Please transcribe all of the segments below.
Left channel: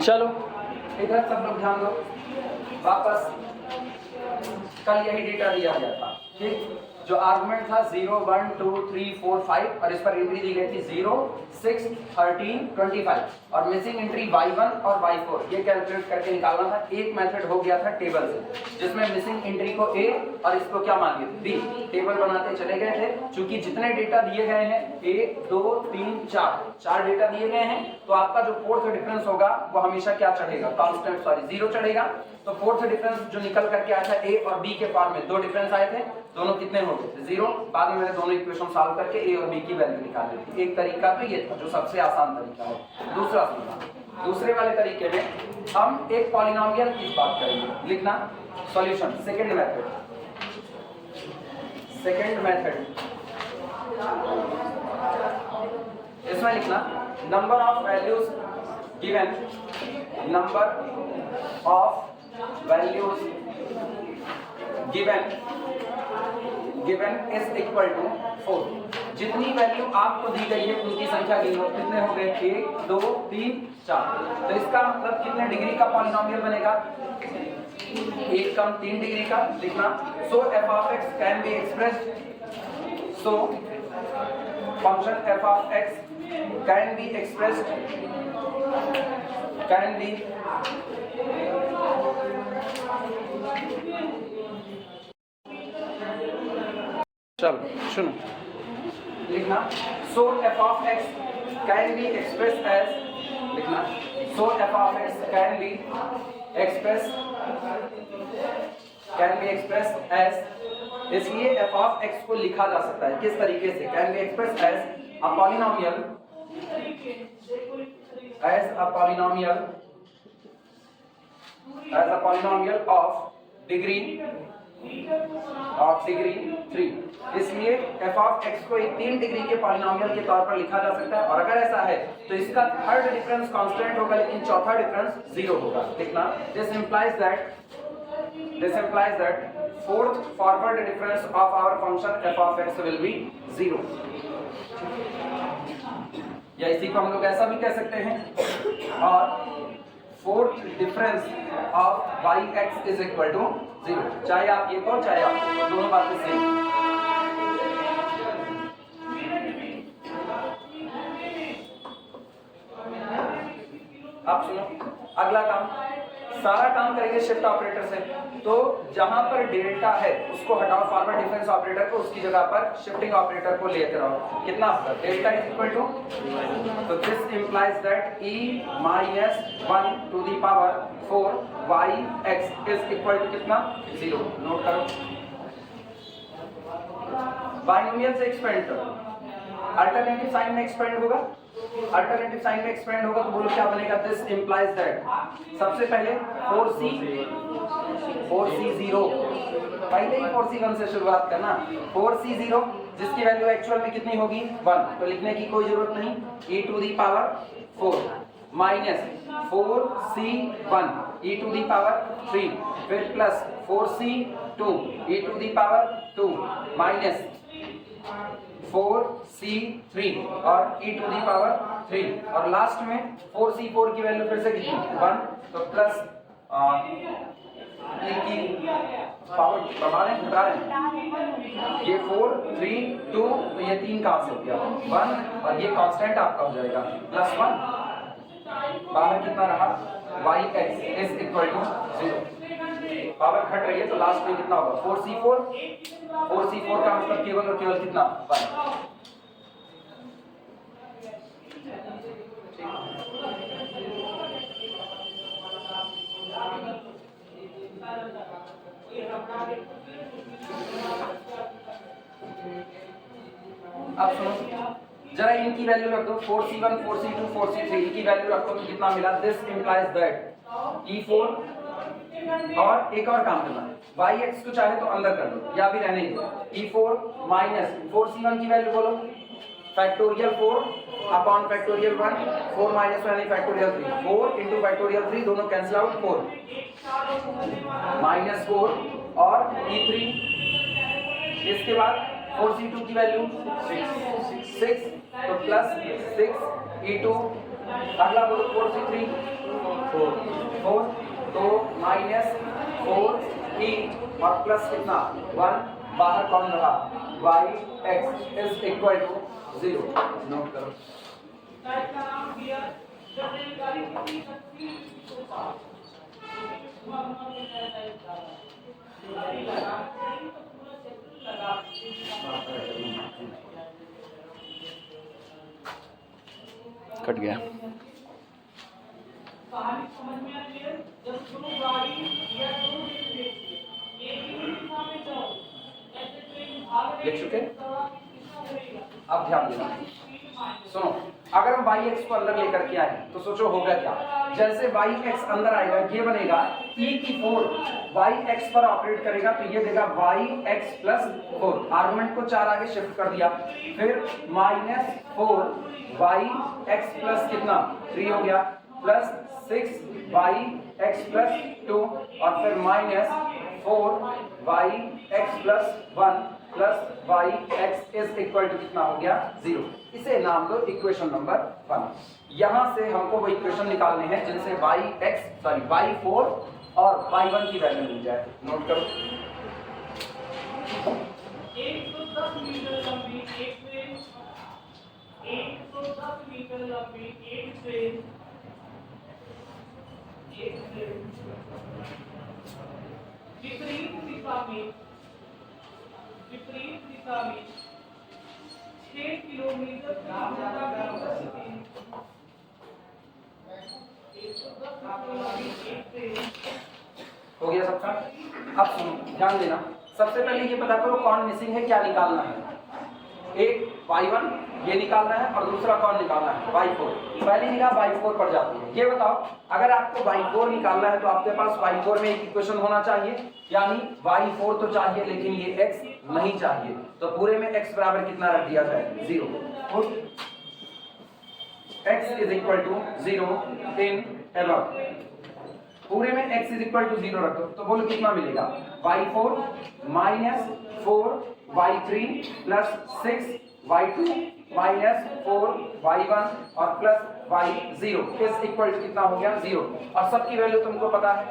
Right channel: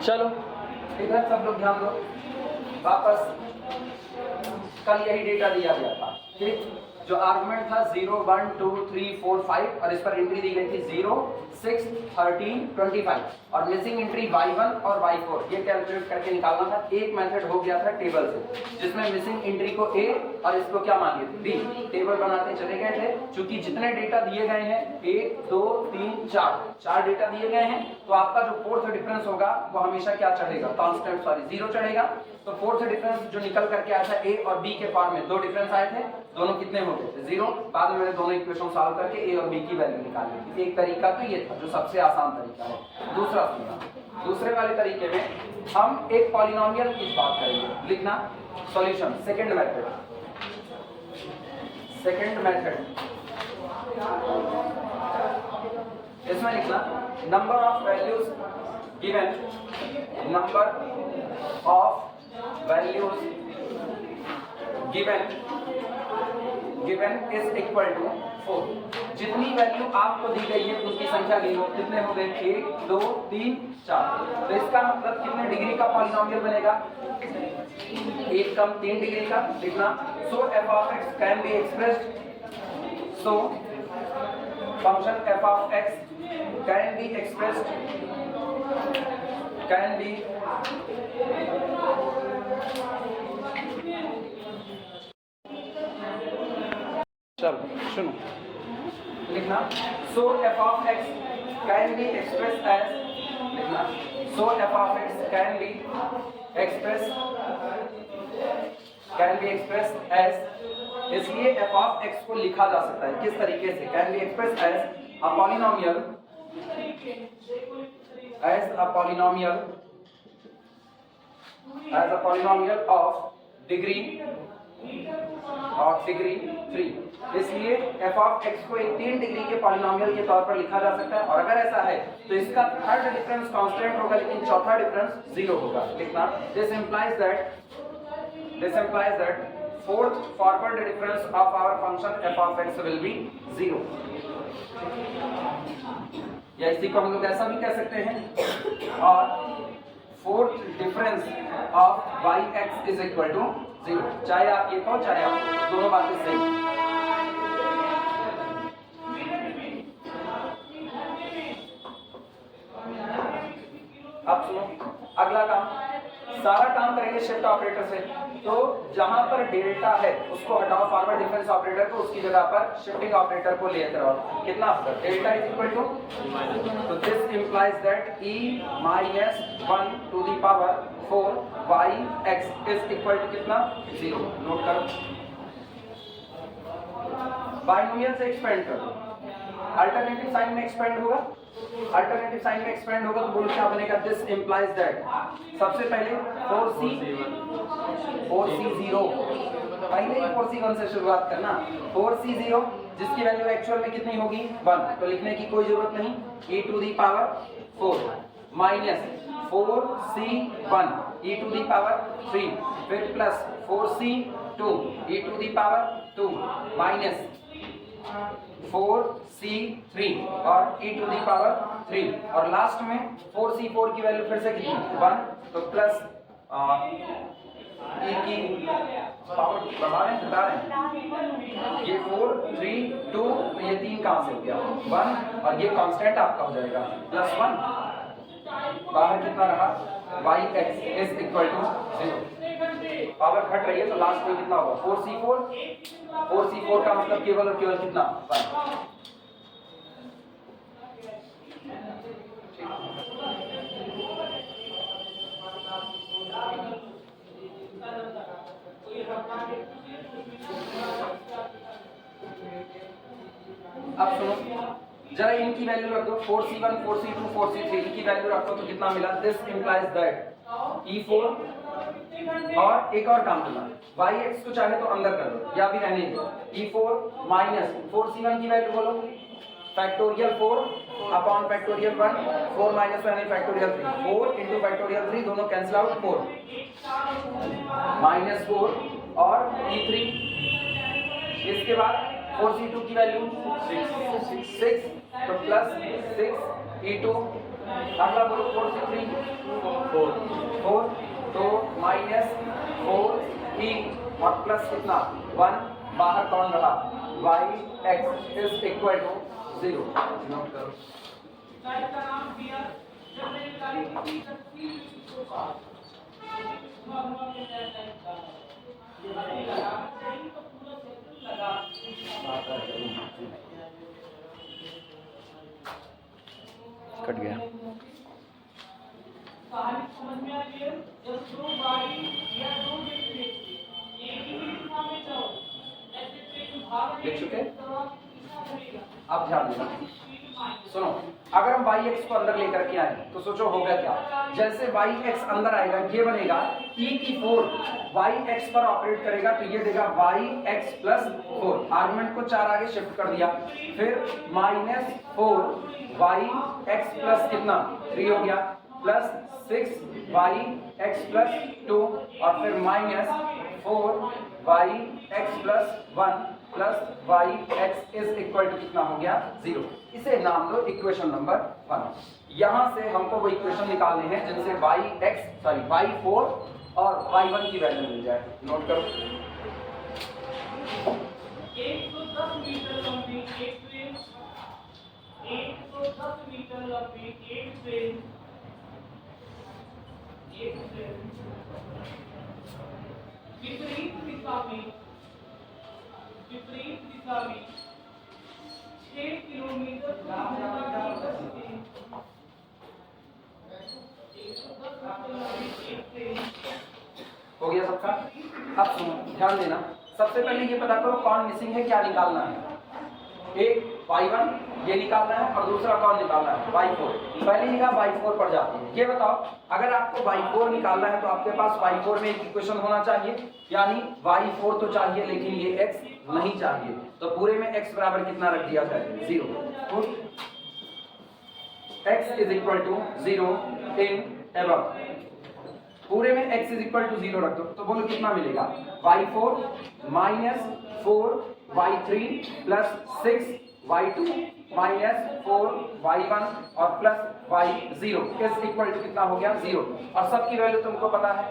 चलो इधर सब लोग ध्यान दो, वापस कल यही डेटा दिया गया था, ठीक। जो आर्गुमेंट था 0 1 2 3 4 5 और इस पर एंट्री दी गई थी 0 6 13 25 और मिसिंग एंट्री y1 और y4 ये कैलकुलेट करके निकालना था। एक मेथड हो गया था टेबल से, जिसमें मिसिंग एंट्री को a और इसको क्या मान लिए थे b, टेबल बनाते चले गए थे। क्योंकि जितने डेटा दिए गए हैं 1 2 3 4 डेटा दिए गए हैं, तो आपका जो फोर्थ डिफरेंस होगा वो हमेशा क्या चढ़ेगा, कांस्टेंट सॉरी 0 चढ़ेगा। तो फोर्थ डिफरेंस जो निकल करके आया था a और b के फॉर्म में, दो डिफरेंस आए थे, दोनों कितने हो गए थे 0। बाद में मैंने दोनों इक्वेशन सॉल्व करके a और b की वैल्यू निकाली थी। एक तरीका तो ये था जो सबसे आसान तरीका है। दूसरा सुनना, दूसरे वाले तरीके में हम एक पॉलिनोमियल की बात करेंगे। लिखना सॉल्यूशन सेकंड मेथड, इसमें लिखना number of values given, number of values given is equal to 4। जितनी वैल्यू आपको दी गई है उनकी संख्या गिनो, कितने हो गए 1 2 3 4। तो इसका मतलब कितने डिग्री का पॉलिनोमियल बनेगा, 1 कम 3 डिग्री का। लिखना so f of x can be expressed, so function f of x can be expressed, can be चलो सुनो, लिखना so f of x can be express as, लिखना so f of x can be express as, इसलिए f of x को लिखा जा सकता है किस तरीके से, can be express as a polynomial, of degree 3। इसलिए f of x को एक 3 डिग्री के पॉलिनोमियल के तौर पर लिखा जा सकता है। और अगर ऐसा है तो इसका थर्ड डिफरेंस कांस्टेंट होगा, लेकिन चौथा डिफरेंस 0 होगा। लिखना this implies that fourth forward difference of our function f of x will be 0। या इसी को हम लोग ऐसा भी कह सकते हैं, और fourth difference of yx is equal to 0। चाहे आप ये कहो चाहे आप, दोनों बातें सही। अब सुनो अगला काम, सारा काम करेंगे शिफ्ट ऑपरेटर से। तो जहां पर डेल्टा है उसको हटाओ, फॉरवर्ड डिफरेंस ऑपरेटर को, उसकी जगह पर शिफ्टिंग ऑपरेटर को लेते रहो। कितना होगा डेल्टा इज इक्वल टू, तो this implies that e minus 1 to the power 4 yx is equal to कितना 0। नोट करो, बाइनोमियल से एक्सपेंड करो, अल्टरनेटिव साइन में एक्सपेंड होगा, अल्टरनेटिव साइन में एक्सपेंड होगा तो बोलो क्या बनेगा, दिस इंप्लाइज दैट सबसे पहले 4c0, पहले ही 4c1 से शुरुआत करना, 4c0 जिसकी वैल्यू एक्चुअल में कितनी होगी 1, तो लिखने की कोई जरूरत नहीं, e to the power 4 minus 4c1 e to the power 3, फिर plus 4c2 e to the power 2 minus 4c3 और e टू दी पावर 3, और लास्ट में 4c4 की वैल्यू फिर से कितनी 1, तो प्लस e की पावर बढ़ा रहे हैं घटा रहे हैं, ये 4 3 2, तो ये 3 कहां से हो गया 1, और ये कांस्टेंट आपका हो जाएगा प्लस 1, बाहर कितना रहा yx is equal to 0। Power घट रही है तो लास्ट में कितना होगा 4c4 का मतलब केवल और केवल कितना 1। अब सुनो जरा इनकी वैल्यू रख दो, 4c1 4c2 4c3 इनकी वैल्यू रखो तो कितना मिला, दिस इंप्लाइज दैट e4, और एक और काम करना, yx को चाहे तो अंदर कर दो या भी रहने दो, e4 माइनस 4c1 की वैल्यू बोलो factorial 4 upon factorial 1, 4 minus 1 factorial 3, 4 into factorial 3 दोनों कैंसिल आउट, 4 माइनस 4 और e3, इसके बाद 4c2 की वैल्यू 6, तो प्लस 6 e2 अगला बोलो 4 से 3 4 तो -4e और प्लस कितना 1 बाहर कौन रहा y x is equal to 0 note करो। कट गया। लिख चुके? अब ध्यान देना, सुनो, अगर हम y x को अंदर लेकर के आए तो सोचो होगा क्या। जैसे y x अंदर आएगा ये बनेगा e की 4 y x पर ऑपरेट करेगा तो ये देगा y x प्लस 4, आर्गुमेंट को 4 आगे शिफ्ट कर दिया, फिर -4 y x प्लस कितना 3 हो गया, प्लस 6 y x प्लस 2 और फिर -4 y x plus 1 plus y x is equal to कितना हो गया 0। इसे नाम दो इक्वेशन नंबर 1। यहां से हमको वो इक्वेशन निकालने हैं जिनसे y4 और y1 की वैल्यू मिल जाए। नोट करो। 110 मीटर लंबी एक ट्रेन, 110 मीटर लंबी एक ट्रेन विपरीत दिशा में 6 किलोमीटर हो गया सबका। अब सुनो, ध्यान देना, सबसे पहले ये पता करो कौन मिसिंग है, क्या निकालना है। एक y1 ये निकालना है और दूसरा कौन निकालना है y4। पहले ही आप y4 पर जाते हैं। ये बताओ, अगर आपको y4 निकालना है तो आपके पास y4 में एक इक्वेशन होना चाहिए, यानी y4 तो चाहिए लेकिन ये x नहीं चाहिए, तो पूरे में x बराबर कितना रख दिया जाए 0। x is equal to 0 in above, पूरे में x इज इक्वल टू 0 रख दो तो बोलो कितना मिलेगा y4 -4 y3 plus 6 y2 -4 y1 और plus y0 is equal to कितना हो गया 0। और सबकी वैल्यू तुमको पता है,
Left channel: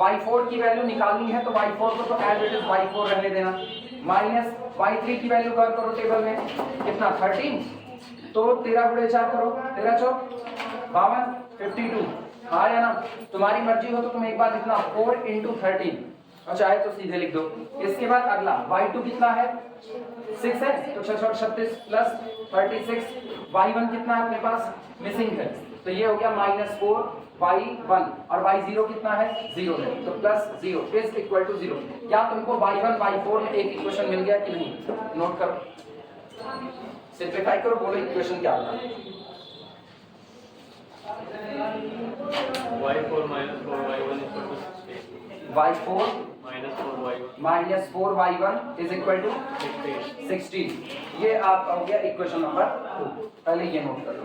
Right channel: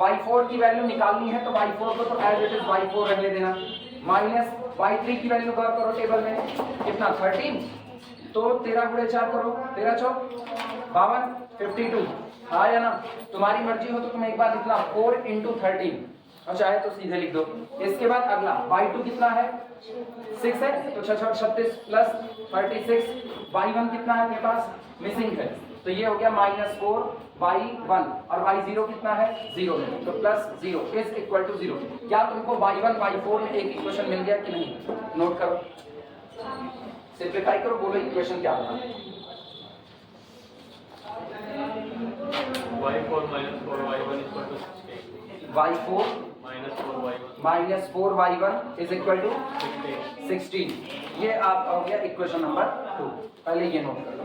y4 की वैल्यू निकालनी है तो y4 को तो एज इट इज y4 रहने देना, माइनस y3 की वैल्यू कर करो टेबल में कितना 13, तो 13 गुणे 4 करो, 13 चौक 52 52, हाँ या ना, तुम्हारी मर्जी हो तो तुम एक बार लिखना 4 × 13 और चाहे तो सीधे लिख दो। इसके बाद अगला y2 कितना है 6 है तो 6 36 प्लस 36, y1 कितना है अपने पास मिसिंग है तो ये हो गया -4 y1 और y0 कितना है 0 है तो प्लस 0 इज इक्वल टू 0। क्या तुमको y1 y4 में एक इक्वेशन मिल गया कि नहीं? नोट करो, सिंपलीफाई करो, बोलो इक्वेशन क्या होगा। y4 -4 y1 equal to y4 -4 y1 is equal to 16। ये आपका हो गया इक्वेशन नंबर 2। पहले ये नोट कर लो।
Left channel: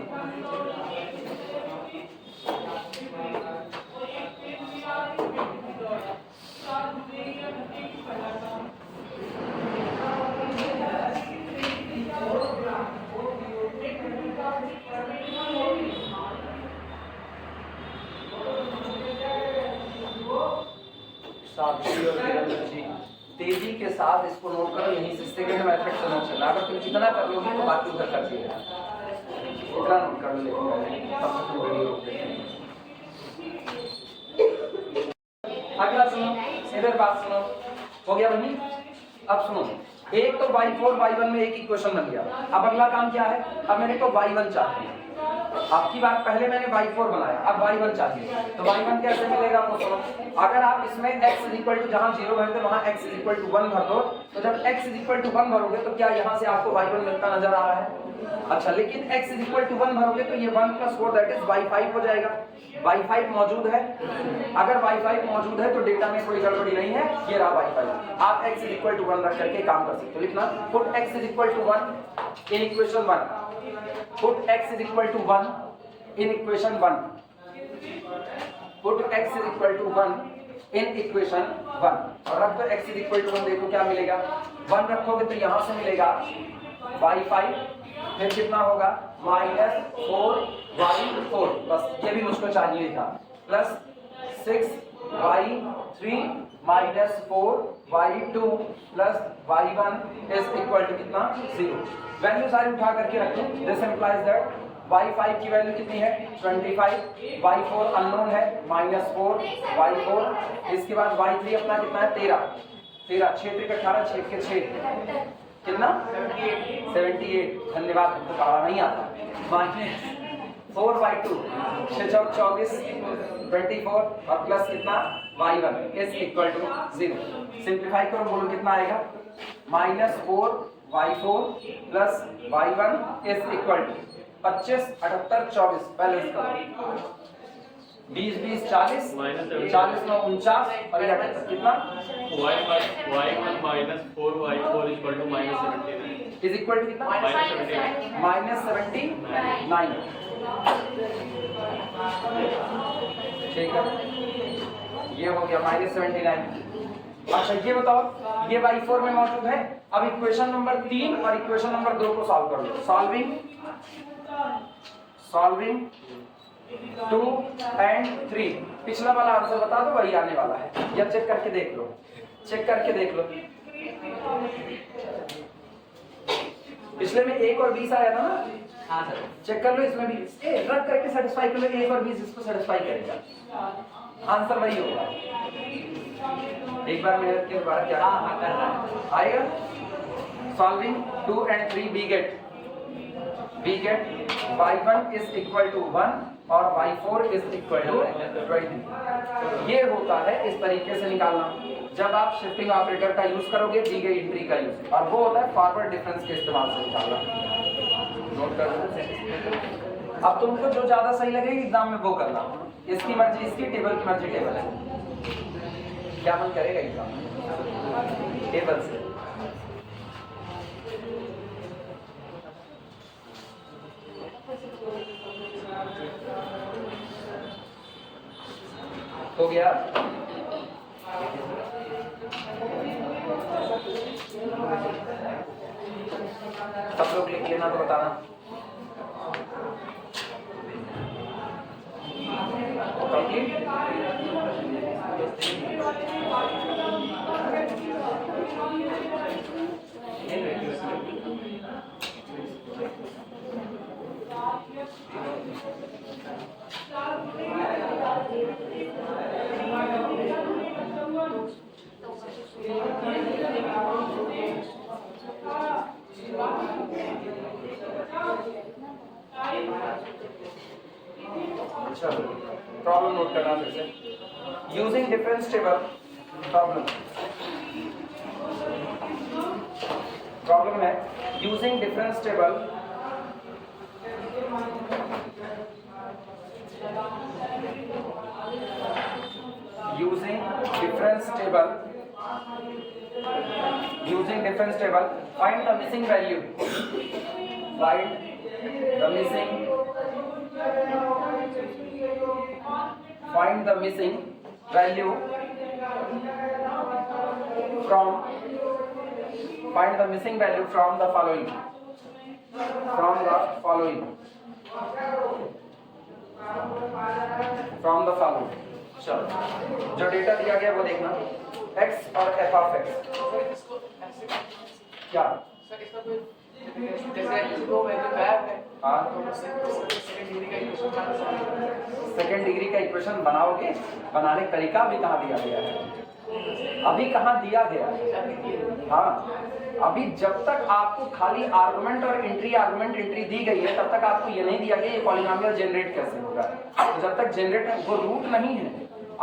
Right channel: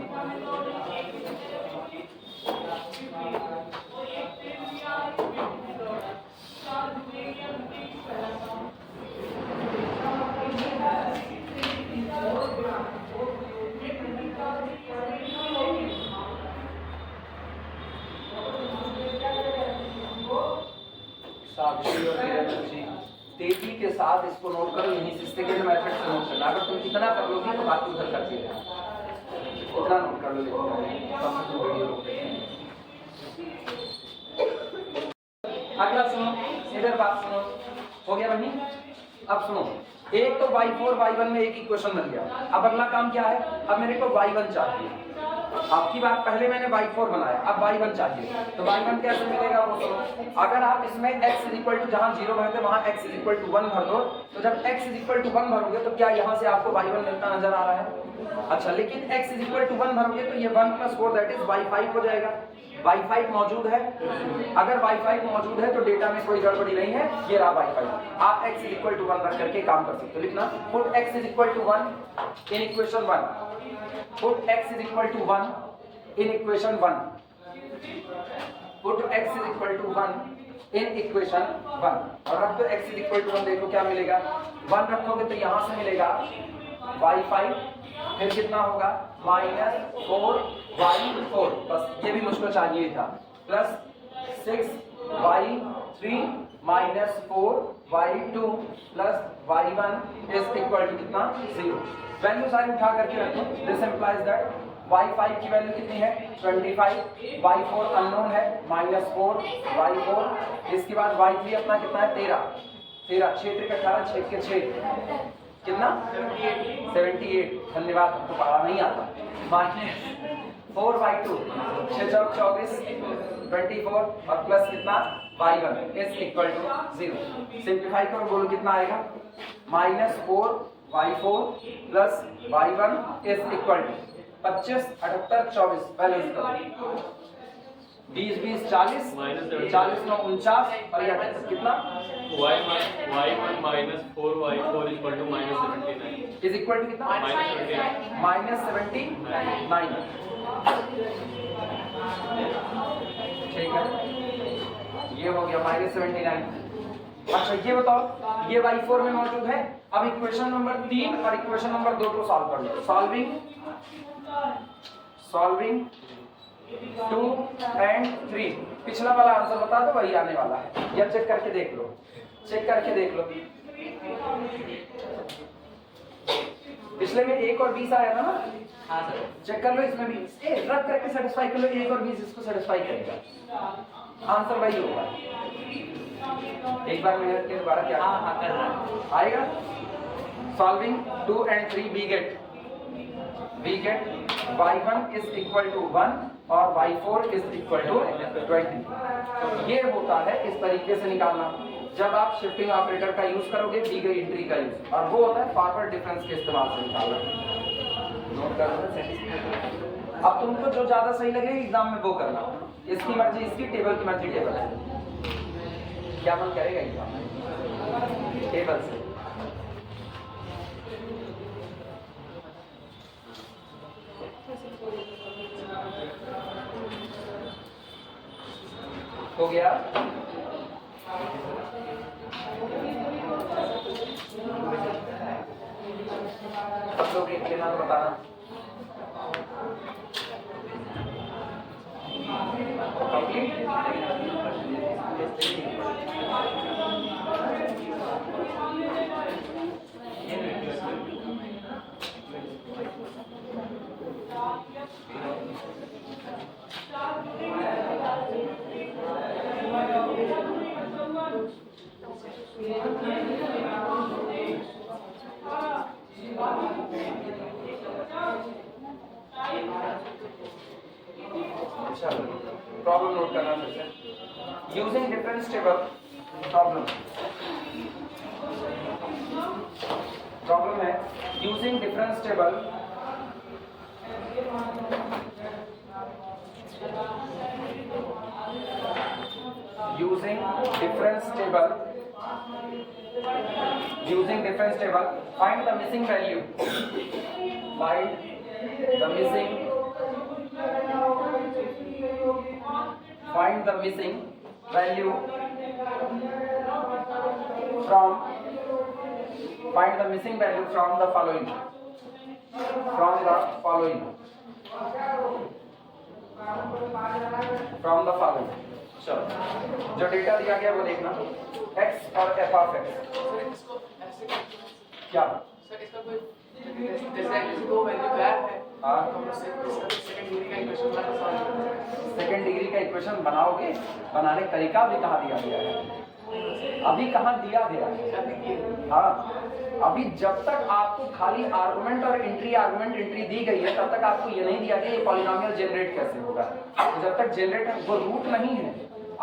तेजी के साथ इसको नोट करो, यहीं से सेकंड मेथड से नोट करना। अगर तुम जितना कर लोगे तो बाकी उधर कर देना, इतना नोट कर लो। तब तक तुम वीडियो रोक देते। अगला सुनो, इधर बात सुनो, हो गया बनी। अब सुनो, एक तो y4 y1 में एक इक्वेशन बन गया। अब अगला काम क्या है, अब मेरे को y1 चाहिए। आपकी बात, पहले मैंने y4 बनाया, अब y1 चाहिए तो y1 कैसे मिलेगा वो सुनो। अगर आप इसमें x इज इक्वल टू जहां 0 भरते वहां x इज इक्वल टू 1 भर दो, तो जब x इज इक्वल टू 1 भरोगे तो क्या यहां से आपको y1 मिलता नजर आ रहा है? अच्छा, लेकिन x इज इक्वल टू 1 भरोगे तो ये 1 + 4 दैट इज y5 हो जाएगा। y5 मौजूद है, अगर y5 मौजूद है तो डेटा में कोई गड़बड़ी नहीं है, ये रहा y5। आप x इज इक्वल टू 1 रख करके काम कर सकते हो। लिखना, put x is equal to 1 in equation 1, put x is equal to 1 in equation 1, put x is equal to 1 in equation 1 और रख दो x is equal to 1। देखो क्या मिलेगा, 1 रखोगे तो यहां से मिलेगा y5, फिर कितना होगा -4 y4 बस ये भी मुझको चाहिए था plus 6y3 minus 4y2 plus y1 is equal to कितना 0। वैल्यू सारी उठा करके रखें। दिस इंप्लाइज दैट y5 की वैल्यू कितनी है 25, y4 अननोन है -4 y4, इसके बाद y3 अपना कितना है 13 6 3 18 6 के 6 कितना 78। धन्यवाद, हमको पढ़ा नहीं आता। -4y2 6 4 24 24 और प्लस कितना y1 is equal to 0। Simplify करो, बोलो कितना आएगा -4y4 plus y1 is equal to 25 78 24 balance करो 20 20 40 40 9 49 और ये 78 कितना y1 minus 4y4 equal to minus 79 is equal to कितना -79। ठीक है, ये हो गया -79। अच्छा ये बताओ, ये y4 में मौजूद है। अब इक्वेशन नंबर 3 और इक्वेशन नंबर 2 को सॉल्व कर लो। सॉल्विंग 2 एंड 3, पिछला वाला आंसर बता दो, वही आने वाला है, या चेक करके देख लो, चेक करके देख लो। पिछले में 1 और 20 आया था ना। हाँ सर, चेक कर लो, इसमें भी रख करके सेटिस्फाई कर लो। 1 और 20 इसको सेटिस्फाई करेगा, आंसर वही होगा। एक बार मेरे के बारे क्या कर रहा है आएगा। Solving 2 and 3 we get y1 is equal to 1 और y4 इज इक्वल टू 20। ये होता है इस तरीके से निकालना जब आप शिफ्टिंग ऑपरेटर का यूज करोगे दी गई एंट्री का यूज, और वो होता है फॉरवर्ड डिफरेंस के इस्तेमाल से निकालना। नोट कर लो। अब तुमको जो ज्यादा सही लगे एग्जाम में वो करना, इसकी मर्जी इसकी, टेबल की मर्जी टेबल है। क्या मन करेगा एग्जाम टेबल से। हो गया। सब लोग लिख लेना तो बताना। कंप्लीट। प्रॉब्लम नोट करना फिर से। यूजिंग डिफरेंस टेबल प्रॉब्लम है using difference table find the missing value from the following चलो जो डेटा दिया गया वो देखना, x और f ऑफ x क्या सर इसका कोई जैसे दो वैल्यू गैप है। हाँ, तो सेकंड डिग्री का इक्वेशन बनाना। सेकंड डिग्री का इक्वेशन बनाओगे, बनाने का तरीका भी कहाँ दिया गया है, अभी कहाँ दिया गया है। हाँ, अभी जब तक आपको खाली आर्गुमेंट और एंट्री दी गई है तब तक आपको ये नहीं दिया गया ये पॉलिनोमियल जनरेट कैसे होगा। जब तक जनरेट है वो रूट नहीं है।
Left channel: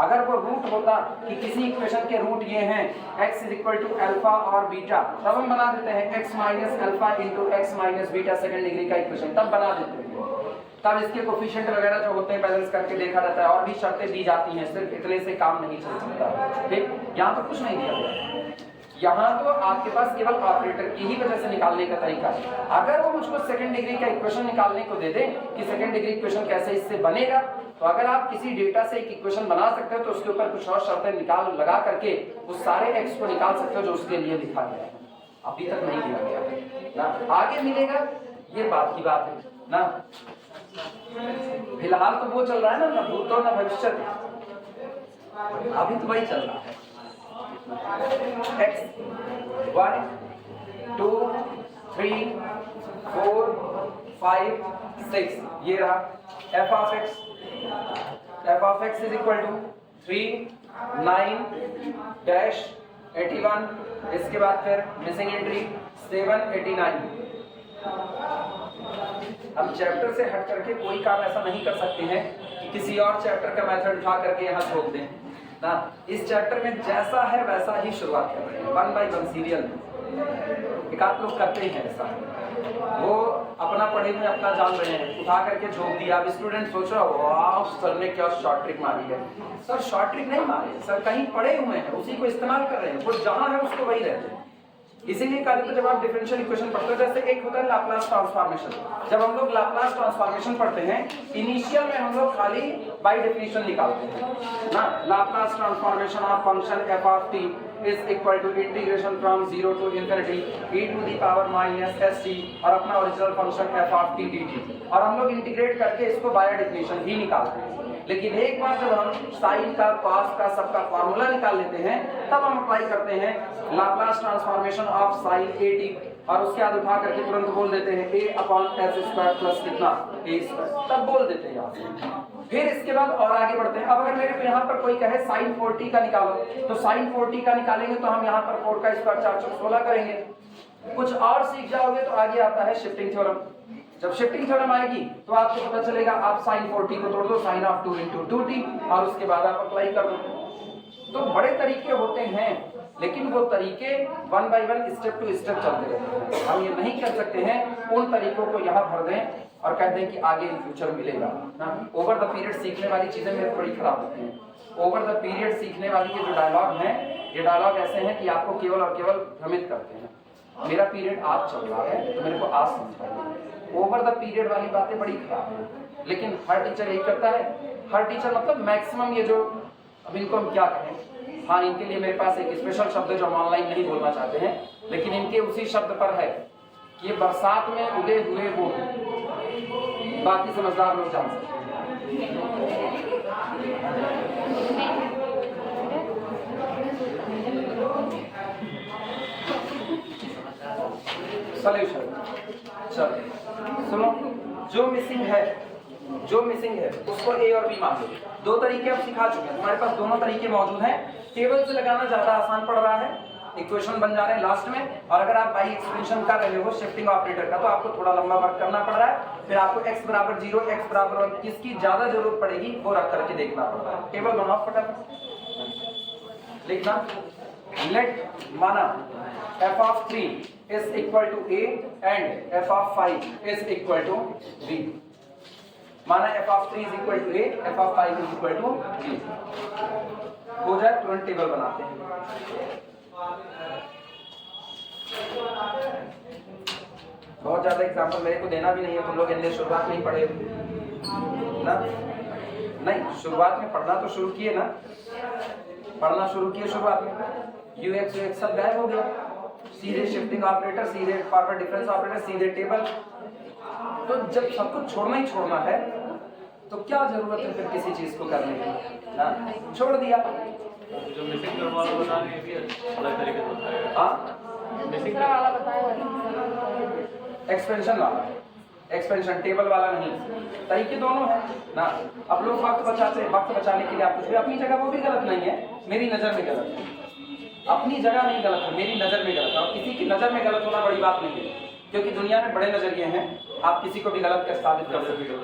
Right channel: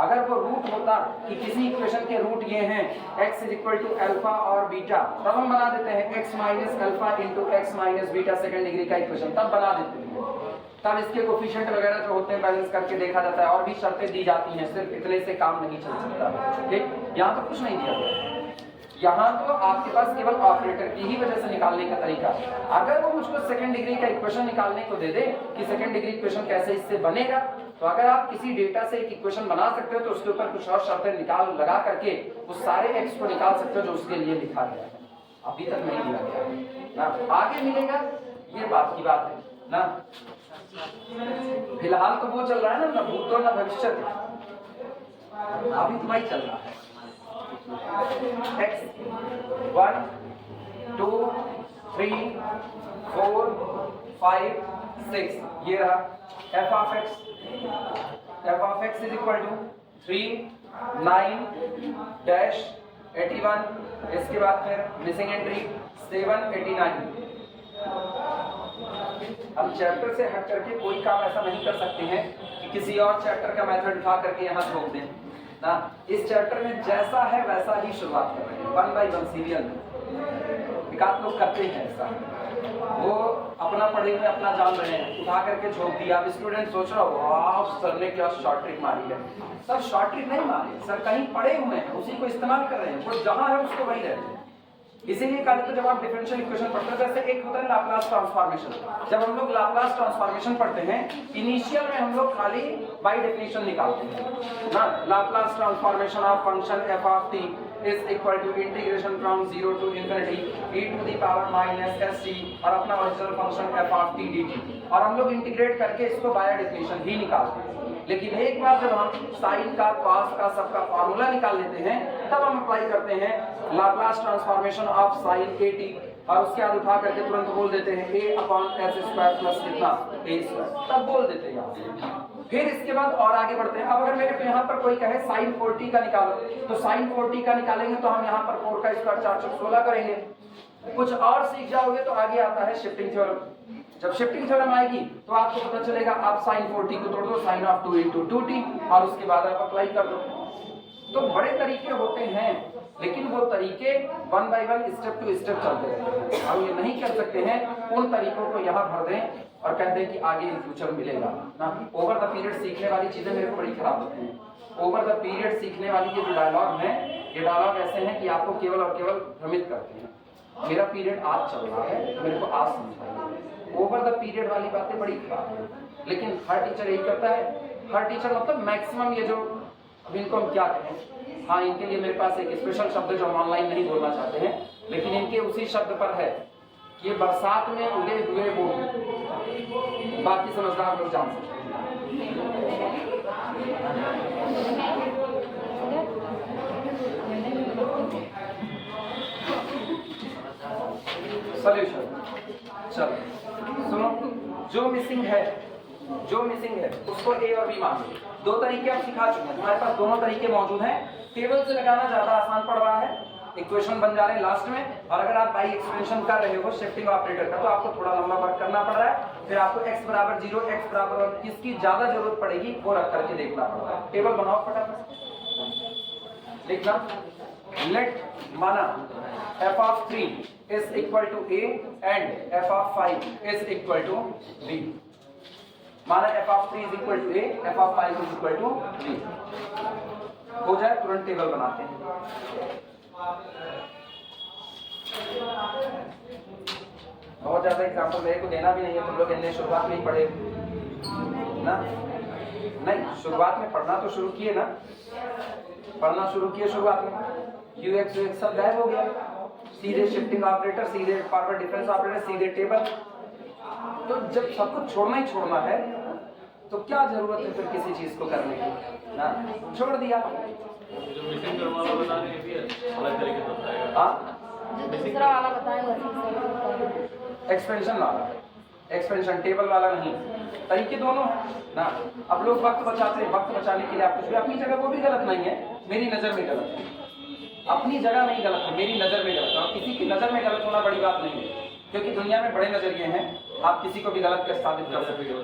अगर वो रूट होता कि किसी इक्वेशन के रूट ये हैं x is equal to alpha और बीटा, तब हम बना देते हैं x minus alpha into x minus beta second degree का इक्वेशन, तब बना देते हैं। तब इसके कोफिशिएंट वगैरह जो होते हैं बैलेंस करके देखा जाता है, और भी शर्तें दी जाती हैं, सिर्फ इतने से काम नहीं चल सकता। ठीक, यहाँ तो कुछ नहीं दिया गया, यहाँ तो आपके पास केवल ऑपरेटर की ही वजह से निकालने का तरीका है। अगर वो मुझको सेकंड डिग्री का इक्वेशन निकालने को दे दे कि सेकंड डिग्री इक्वेशन कैसे इससे बनेगा, तो अगर आप किसी डेटा से एक इक्वेशन बना सकते हो तो उसके ऊपर कुछ और शर्तें लगा करके उस सारे एक्स को निकाल सकते हो जो उसके लिए लिखा गया है। अभी तक नहीं दिया गया ना, आगे मिलेगा, ये बात की बात है ना। फिलहाल तो वो चल रहा है ना, न भूतो न भविष्य, अभी तो वही चल रहा है। x 1 2 3 4 5 6 ये रहा f of x is equal to 3 9 dash 81, इसके बाद फिर मिसिंग एंट्री 789। हम चैप्टर से हट करके कोई काम ऐसा नहीं कर सकते हैं कि किसी और चैप्टर का मेथड उठा करके यहाँ छोड़ दें ना। इस चैप्टर में जैसा है वैसा ही शुरुआत कर रहे हैं, 1 by 1 सीरियल। एक आध लोग करते हैं ऐसा, वो अपना पढ़े हुए अपना जान रहे हैं, उठा करके झोंक दिया। अब स्टूडेंट सोच रहा हो वाह सर ने क्या शॉर्ट ट्रिक मारी है। सर शॉर्ट ट्रिक नहीं मारे, सर कहीं पढ़े हुए हैं उसी को इस्तेमाल कर रहे हैं, वो जहाँ है उसको वही रहते हैं। इसीलिए कहा था जब आप डिफरेंशियल इक्वेशन पढ़ते हो, जैसे एक होता है लाप्लास ट्रांसफॉर्मेशन। जब हम लोग लाप्लास ट्रांसफॉर्मेशन पढ़ते हैं, इनिशियल में हम लोग खाली बाय डेफिनेशन निकालते हैं ना। Laplace transformation of function f of t is equal to integration from 0 to infinity e to the power minus st और अपना original function f of t dt, और हम लोग इंटीग्रेट करके इसको बाय डेफिनेशन ही निकालते हैं। लेकिन एक बार जब हम साइन का कॉस का सबका फॉर्मूला निकाल लेते हैं, तब हम अप्लाई करते हैं Laplace transformation of sine a t, और उसके बाद उठा करके तुरंत बोल देते हैं a upon s square plus कितना a स्क्वायर, तब बोल देते हैं यहाँ। फिर इसके बाद और आगे बढ़ते हैं। अब अगर मेरे को यहाँ पर कोई कहे साइन 4t का निकालो, तो साइन 4t का निकालेंगे तो हम यहाँ पर 4 का स्क्वायर 4 चौक 16 करेंगे। कुछ और सीख जाओगे तो आगे आता है शिफ्टिंग थ्योरम। जब शिफ्टिंग थ्योरम आएगी तो आपको पता चलेगा आप साइन 4t को तोड़ दो साइन ऑफ 2 into 2t, और उसके बाद आप अप्लाई कर दो। तो बड़े तरीके होते हैं, लेकिन वो तरीके 1 by 1 स्टेप टू स्टेप चलते रहते हैं। हम ये नहीं कर सकते हैं उन तरीकों को यहाँ भर दें और कह दें कि आगे इन फ्यूचर मिलेगा ना। ओवर द पीरियड सीखने वाली चीजें मेरे को बड़ी खराब होती हैं। ओवर द पीरियड सीखने वाली ये जो डायलॉग हैं, ये डायलॉग ऐसे हैं कि आपको केवल और केवल भ्रमित करते हैं। मेरा पीरियड आज चल रहा है तो मेरे को आज समझाइए। ओवर द पीरियड वाली बातें बड़ी खराब है, लेकिन हर टीचर यही करता है। हर टीचर मतलब मैक्सिमम ये जो, अब इनको हम क्या कहें, हाँ इनके लिए मेरे पास एक स्पेशल शब्द है जो हम ऑनलाइन नहीं बोलना चाहते हैं, लेकिन इनके उसी शब्द पर है कि ये बरसात में उगे हुए वो, बाकी समझदार लोग जान सकते हैं। सॉल्यूशन चलो सुनो, जो मिसिंग है उसको ए और बी मान लो। दो तरीके अब सिखा चुके हैं, तुम्हारे पास दोनों तरीके मौजूद हैं। टेबल से लगाना ज्यादा आसान पड़ रहा है, इक्वेशन बन जा रहे हैं लास्ट में, और अगर आप बाई एक्सप्रेशन कर रहे हो शिफ्टिंग ऑपरेटर का तो आपको थोड़ा लंबा वर्क करना पड़ रहा है। फिर आपको x बराबर 0 x बराबर 1 किसकी ज्यादा जरूरत पड़ेगी वो रख करके देखना पड़ेगा। टेबल बनाओ फटाफट, लिखना लेट माना f of 3 is equal to a and f of 5 is equal to b। माना f of 3 is equal to a, f of 5 is equal to b। हो जाए तुरंत टेबल बनाते हैं। बहुत ज्यादा एग्जाम्पल मेरे को देना भी नहीं है, तुम लोग इन्हें शुरुआत में ही पढ़े ना। नहीं, शुरुआत में पढ़ना तो शुरू किए ना, पढ़ना शुरू किए शुरुआत में। यूएक्स यूएक्स सब गायब हो गया, सीधे शिफ्टिंग ऑपरेटर, सीधे फॉरवर्ड डिफरेंस ऑपरेटर, सीधे टेबल। तो जब सब कुछ छोड़ना ही छोड़ना है तो क्या जरूरत है फिर किसी चीज को करने की ना, छोड़ दिया। जो मिसिंग टर्म वाला बता रहे हैं अलग तरीके से होता है। हाँ दूसरा वाला बताएगा, एक्सपेंशन वाला, एक्सपेंशन टेबल वाला नहीं, तरीके दोनों है ना। अब लोग वक्त बचाते हैं, वक्त बचाने के लिए आप कुछ भी, अपनी जगह वो भी गलत नहीं है, मेरी नजर में गलत है। अपनी जगह नहीं गलत है, मेरी नजर में गलत है, और किसी की नजर में गलत होना बड़ी बात नहीं है, क्योंकि दुनिया में बड़े नजरिए हैं, आप किसी को भी गलत कर साबित कर सकते हो।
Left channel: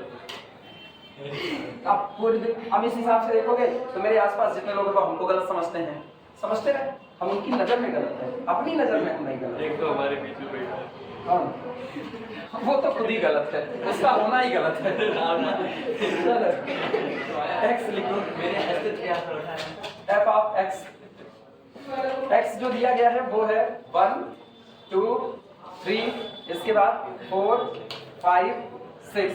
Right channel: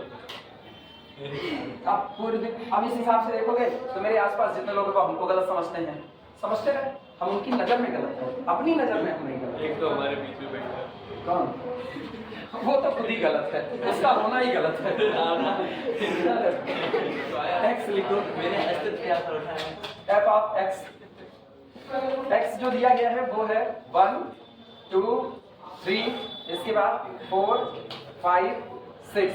आप पूरे दिन अब इस हिसाब से देखोगे तो मेरे आसपास जितने लोग हमको गलत समझते हैं, समझते हैं, हम उनकी नजर में गलत है, अपनी नजर में हम नहीं गलत। एक तो हमारे बीच में बैठा है, कौन? वो तो खुद ही गलत है, उसका होना ही गलत है। एक्स लिखो, मेरे अस्तित्व क्या होता है। एफ ऑफ एक्स, एक्स जो दिया गया है वो है 1 2 3, इसके बाद 4 5 6।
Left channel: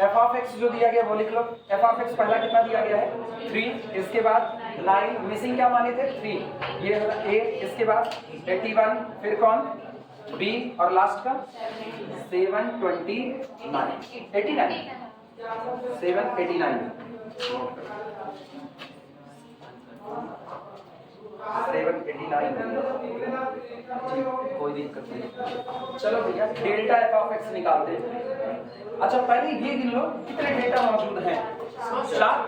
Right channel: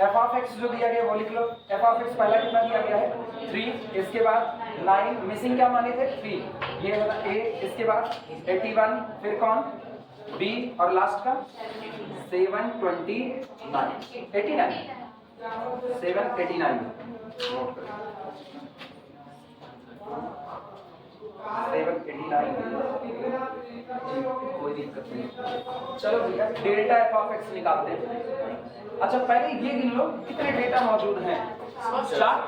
एफ ऑफ एक्स जो दिया गया वो लिख लो। एफ ऑफ एक्स पहला कितना दिया गया है 3, इसके बाद 9, मिसिंग क्या माने थे 3, ये वाला ए, इसके बाद 81, फिर कौन बी, और लास्ट का 729 89। 789 कोई दिक्कत नहीं। चलो भैया डेल्टा एफ ऑफ एक्स निकालते हैं। अच्छा पहले ये गिन लो कितने डेटा मौजूद हैं। 4,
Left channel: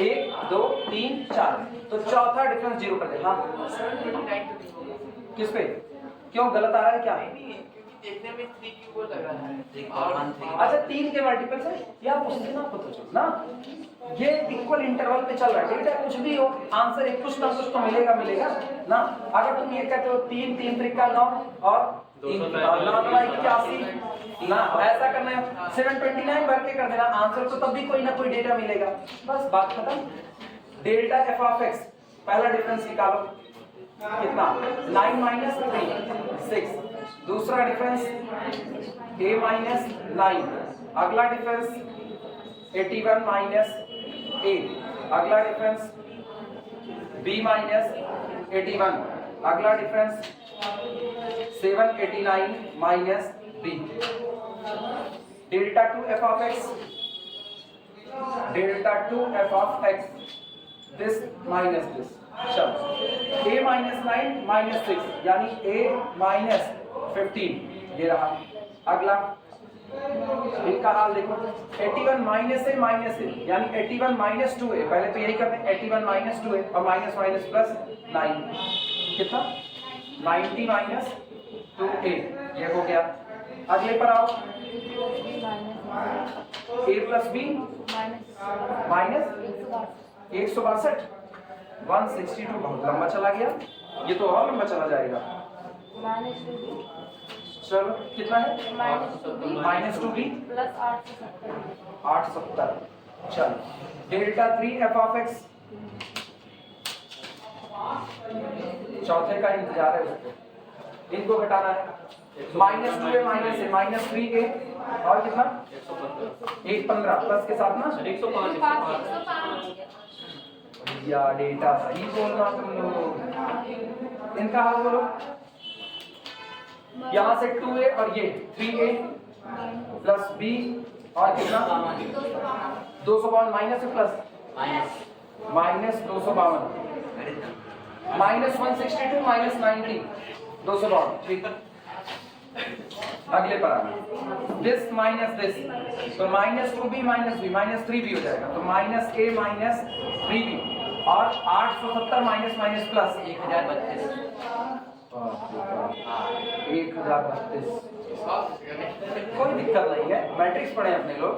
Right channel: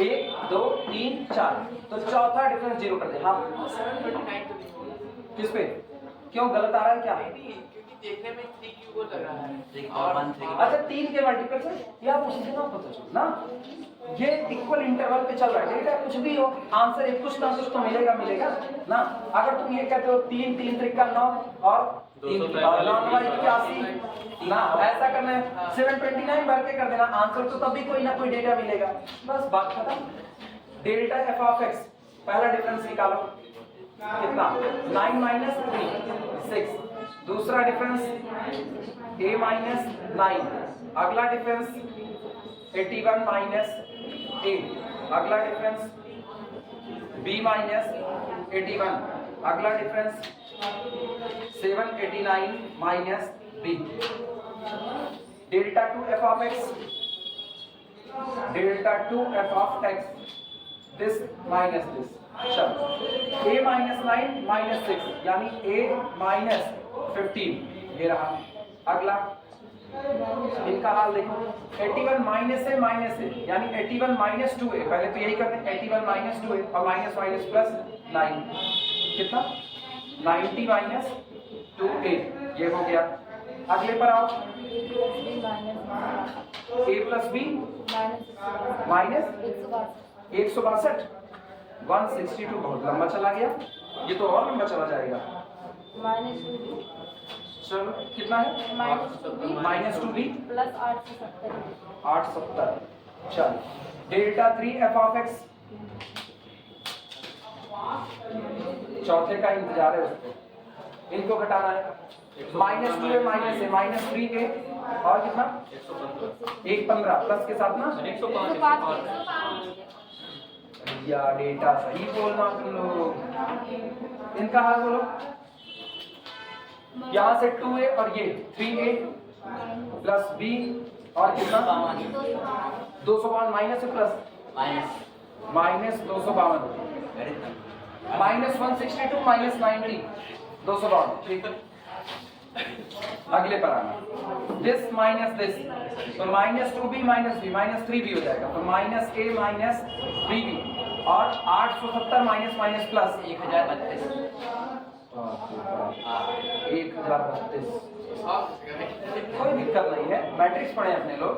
1 2 3 4, तो चौथा डिफरेंस 0 कर दे। हाँ किस पे, क्यों गलत आ रहा है क्या? देखने में 3 क्यूब लग रहा है। अच्छा 3 के मल्टीपल से या उसी दिन आपको तो चलो ना, ये इक्वल इंटरवल पे चल रहा है। डेटा कुछ भी हो, आंसर एक कुछ ना कुछ तो मिलेगा ना। अगर तुम ये कहते हो 3 3 त्रिका 9 और 3 9 81 ना, ऐसा करना है 729 भर के कर देना आंसर, तो तब भी कोई ना कोई डेटा मिलेगा। बस बात खत्म। डेल्टा एफ ऑफ एक्स पहला डिफरेंस निकालो कितना, 9 माइनस 3 6। दूसरा डिफरेंस a माइनस 9। अगला डिफरेंस 81 माइनस 8। अगला डिफरेंस b माइनस 81। अगला difference 789 minus b। Delta 2 F of x, delta 2 F of x, this minus this. चलो a माइनस 9 माइनस 6 यानी a minus 15 ये रहा। अगला इनका हाल देखो, 81 माइनस a माइनस a यानी 81 माइनस 2a। पहले तो यही करते हैं 81 माइनस 2a और माइनस माइनस प्लस 9 कितना 90 माइनस 2a ये हो गया। अगले पर आओ, a प्लस b माइनस 162 162 बहुत लंबा चला गया, ये तो और लंबा चला जाएगा। चलो कितना है माइनस 2b प्लस 870। चलो डेल्टा 3 एफ ऑफ एक्स, चौथे का इंतजार है उसको, इनको घटाना है। Minus 2a minus a minus 3a और कितना 115 प्लस के साथ ना 105 या डेटा सही बोलना तुम लोग। इनका हाल बोलो, यहाँ से 2a और ये 3a प्लस b और कितना 252 माइनस से प्लस माइनस 252 माइनस 162 माइनस 90 252 ठीक है। अगले पर आना, दिस माइनस दिस, तो minus 2b minus b minus 3b हो जाएगा, तो माइनस a माइनस 3b और 870 माइनस माइनस प्लस 1032 कोई दिक्कत नहीं है, मैट्रिक्स पढ़े अपने लोग।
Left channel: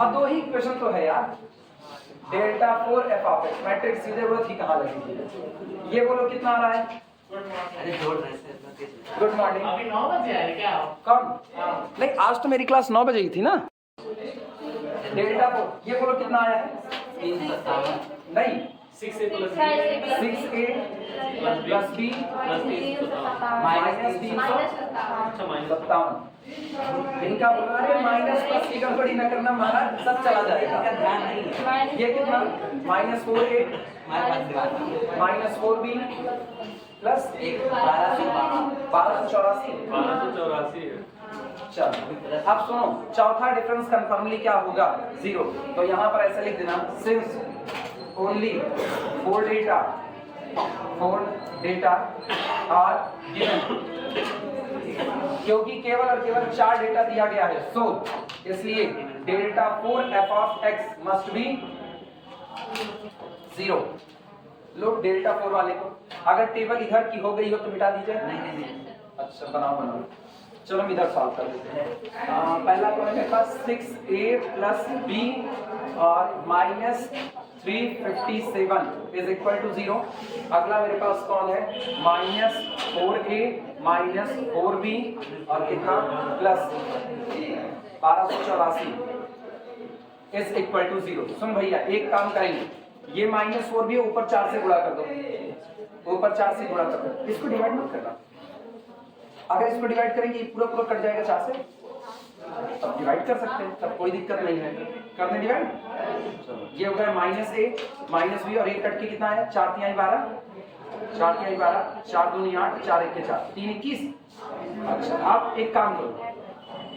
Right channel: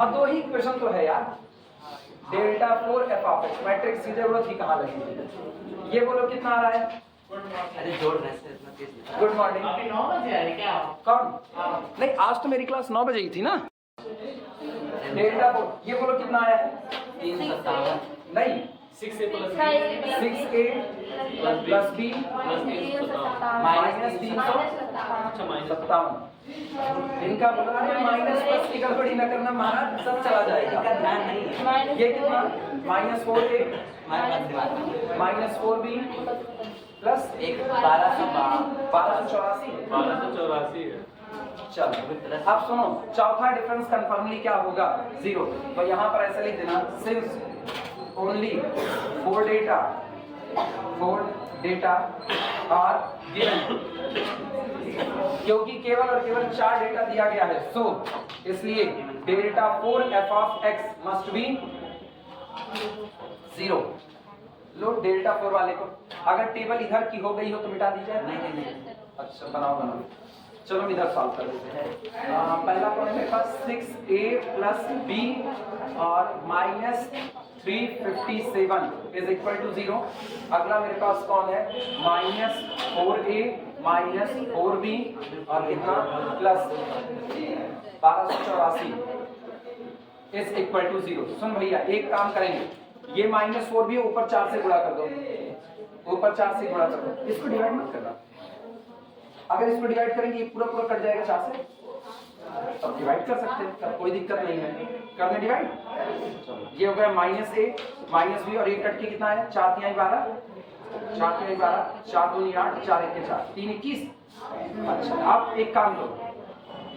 अब दो ही इक्वेशन तो है यार, delta 4 F of x, matrix की जरूरत ही कहाँ लगी। ये बोलो कितना आ रहा है, गुड मॉर्निंग। अभी 9 बजे आए क्या? कौन? नहीं आज तो मेरी क्लास 9 बजे ही थी ना। डेल्टा 4 ये बोलो कितना आया है, 357 नहीं 6a plus 6a plus b minus 357। इनका बोला अरे माइनस प्लस की गड़बड़ी न करना महाराज, सब चला जाएगा। ये कितना minus 4a minus 4b plus 1284। चलो अब सुनो, चौथा डिफरेंस कंफर्मली क्या होगा 0, तो यहाँ पर ऐसे लिख देना, since only 4 data are given, क्योंकि केवल और केवल 4 डेटा दिया गया है, सो इसलिए delta 4 F of x must be 0। Low delta 4 वाले को, अगर टेबल इधर की हो गई हो तो मिटा दीजिए। अच्छा बनाओ, चलो हम इधर सॉल्व कर देते हैं। पहला कौन है मेरे पास 6a प्लस b और माइनस 357 इज इक्वल टू 0। अगला मेरे पास कौन है माइनस 4a माइनस 4b और कितना प्लस 1284 इज इक्वल टू 0। सुन भैया एक काम करेंगे, ये माइनस 4b ऊपर 4 से गुणा कर दो, ऊपर 4 से गुणा कर दो, इसको डिवाइड मत करना। अगर इसको डिवाइड करेंगे ये पूरा पूरा कट जाएगा 4 से, तब डिवाइड कर सकते हैं, तब कोई दिक्कत नहीं है। करने डिवाइड, चलो ये हो गया माइनस a माइनस b और एक कट के कितना आया 4 3 12 4 3 12 4 2 8 4 1 4 3 21। अच्छा अब एक काम करो,